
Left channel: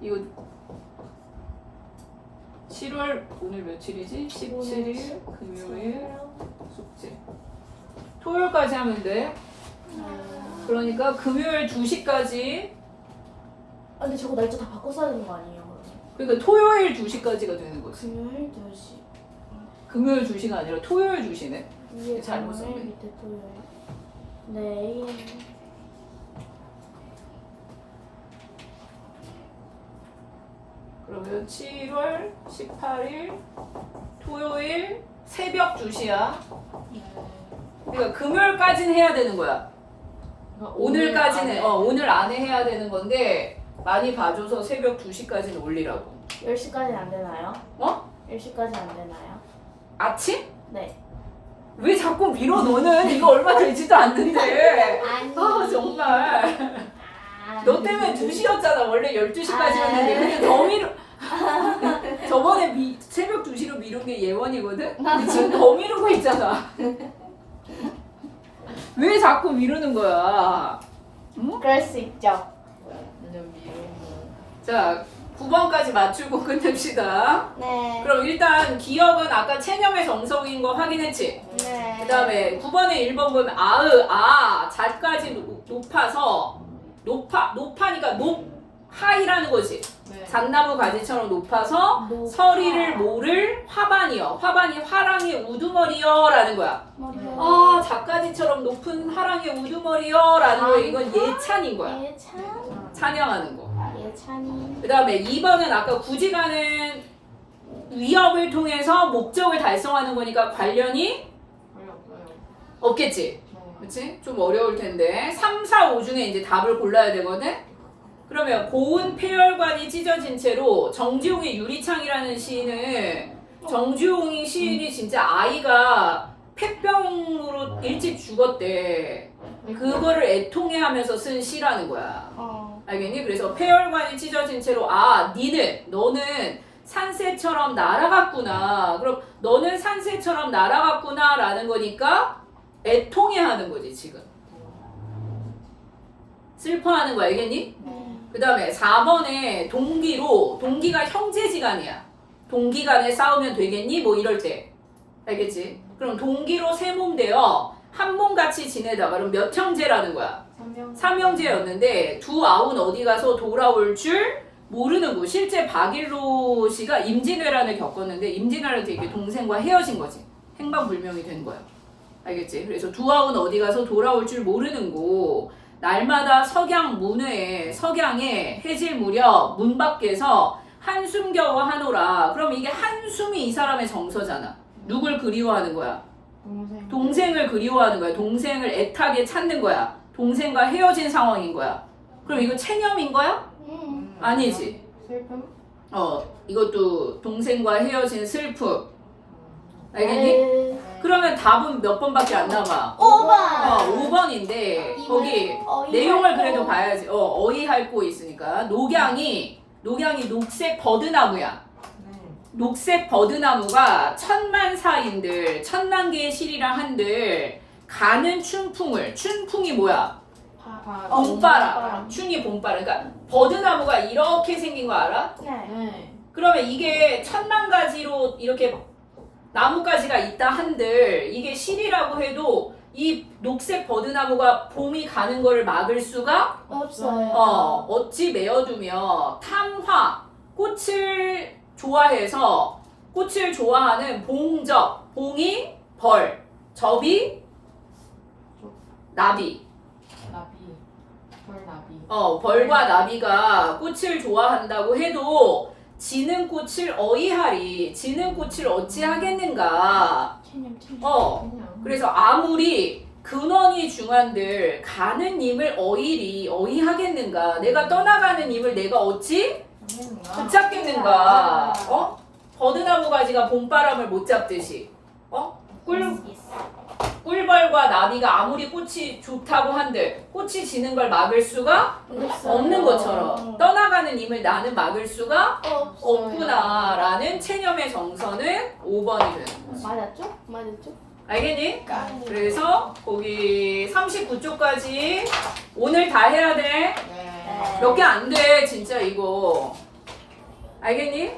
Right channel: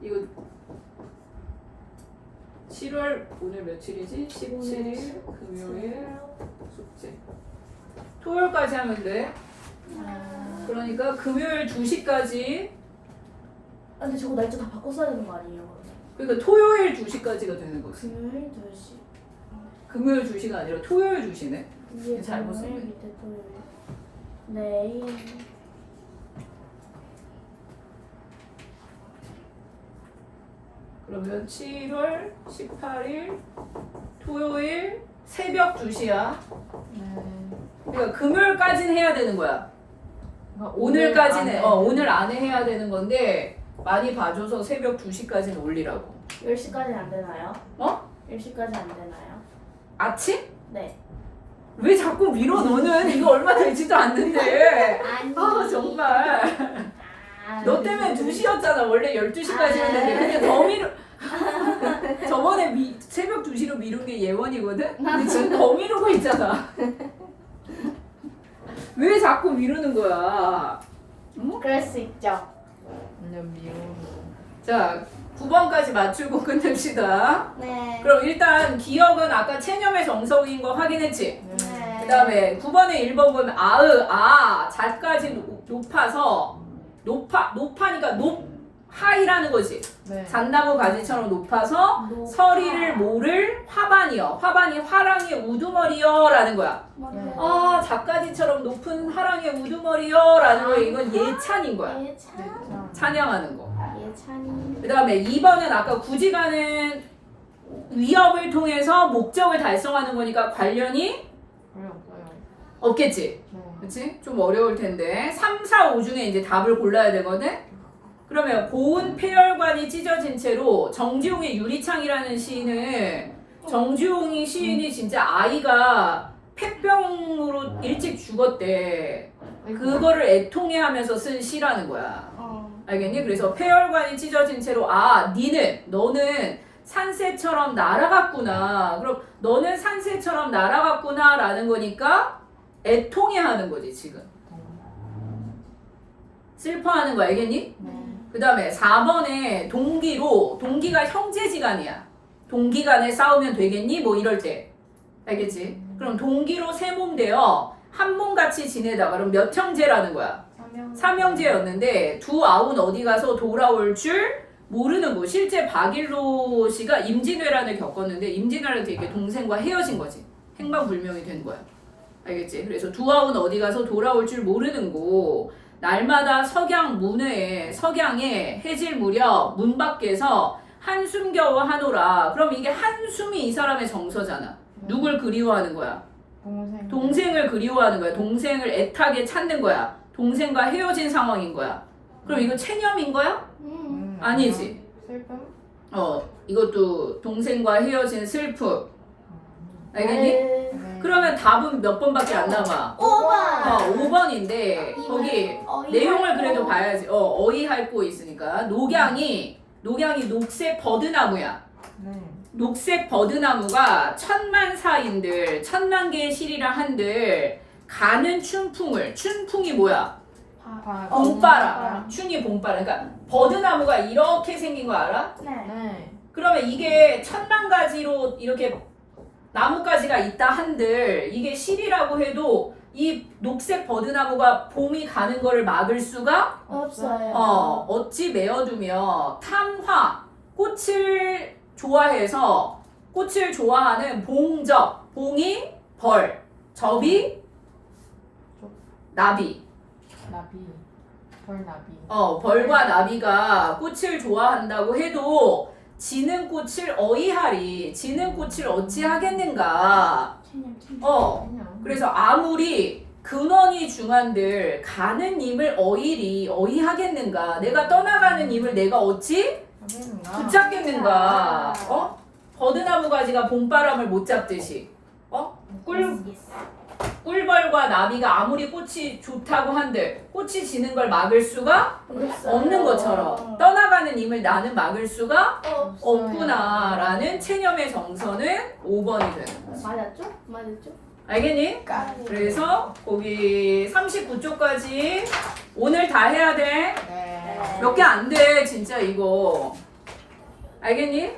이거 7월 오늘 며칠이지? 17일 금요일 숙제. 토요일까지 하면 돼. 그러니까 금요일 2시까지. 근데 저거 날짜 다 바꿔 써야 되는 거 아니에요? 그러니까 토요일 2시까지가 되는 거지. 금요일 2시. 금요일 2시가 아니라 토요일 2시네. 위에 잘못 금요일, 썼네. 밑에 토요일. 내일. 그러면 7월 18일 토요일 새벽 2시야. 그러니까 금요일까지는 해야 되는 거야. 오늘까지는 오늘 안에 해야 되는 건데 많이 봐줘서 새벽 2시까지는 올리라고. 10시까지는 안 되나요? 10시까지는 안 되나요? 아침? 네. 왜 자꾸 밀어 너는? 이거 얼마 되지도 않는데. 아니. 정말. 너 때문에 2시였잖아. 원래 12시까지였는데. 근데 더 미루. 저번에 새벽 2시로 미룬 게 예원이거든? 근데 지금 더 미루고 있잖아. 왜 자꾸 미루는 거야? 응? 그럴 수 있죠. 자, 9번까지 맞추고 끝냅시다. 네. 그럼 일단 기억은 아까 체념의 정석인 거 확인했지? 네. 그 다음에 9번에 1번 보면 자까지 높아서 높아니까 하이라는 거지. 네. 잣나무 가지처럼 높아서 서리를 모를 화반이요. 화반이 화랑의 우두머리요 라는 거야. 자까지처럼 높은 화랑의 우두머리요 라는 거 이건 예찬인 거야. 예찬. 찬양하는 거. 예찬이. 그 다음에 2번은 아까 굳이 가는 위협을 통해서 목적을 달성하는 거니까 관련이 없겠지. 그치? 좀 어려울 텐데 3, 4, 5 중에 이제 답을 골라야 되거든? 그러면 고운 폐혈관이 찢어진 채로 정지용의 유리창이라는 시인은 정지용이 시인이 진짜 아이가 폐병으로 일찍 죽었대. 그거를 애통해하면서 쓴 시라는 거야. 알겠니? 그래서 폐혈관이 찢어진 채로 너는 산새처럼 날아갔구나. 그럼 너는 산새처럼 날아갔구나 라는 거니까 애통해하는 거지 지금. 슬퍼하는 거 알겠니? 그 다음에 4번에 동기가 형제지간이야. 동기 간에 싸우면 되겠니? 뭐 이럴 때. 알겠지? 그럼 동기로 세 몸 되어 한 몸같이 지내다가 그럼 몇 형제라는 거야? 3형제였는데 두 아우는 어디 가서 돌아올 줄 모르는 거. 실제 박일로 씨가 임진왜란을 겪었는데 임진왜란을 되게 동생과 헤어진 거지. 행방불명이 된 거야. 알겠지? 그래서 두 아우는 어디 가서 돌아올 줄 모르는 거. 날마다 석양에 해질 무렵 문 밖에서 한숨 겨워 하노라. 그럼 이게 한숨이 이 사람의 정서잖아. 누굴 그리워하는 거야? 동생을 그리워하는 거야. 동생을 애타게 찾는 거야. 동생과 헤어진 상황인 거야. 그럼 이거 체념인 거야? 아니지. 이것도 동생과 헤어진 슬픔. 알겠니? 네. 그러면 답은 몇 번밖에 안 남아? 5번. 5번인데 거기 내용을 그래도 봐야지. 어이할 거 있으니까. 녹양이 녹색 버드나무야. 녹색 버드나무가 천만 개의 실이랑 한들 가는 춘풍이 뭐야? 봄바람. 춘이 봄바람. 그러니까 버드나무가 이렇게 생긴 거 알아? 네. 그러면 이게 1000만 가지로 이렇게 나뭇가지가 있다 한들 이게 실이라고 해도 이 녹색 버드나무가 봄이 가는 거를 막을 수가 없어요. 어찌 메어두며 탐화 꽃을 좋아해서 꽃을 좋아하는 봉적 봉이 벌 접이 나비 벌과 나비가 꽃을 좋아한다고 해도 지는 꽃을 어이하리 지는 꽃을 어찌 하겠는가. 그래서 아무리 근원이 중한들 가는 님을 어이하겠는가. 내가 떠나가는 님을 내가 어찌 붙잡겠는가. 버드나무 가지가 봄바람을 못 잡듯이 꿀벌과 나비가 아무리 꽃이 좋다고 한들 꽃이 지는 걸 막을 수가 없는 것처럼 떠나가는 님을 나는 막을 수가 없구나라는 체념의 정서는 5번이 되는 거지. 맞았죠? 알겠니? 그래서 거기 39쪽까지 오늘 다 해야 돼. 몇 개 안 돼 진짜 이거. 알겠니?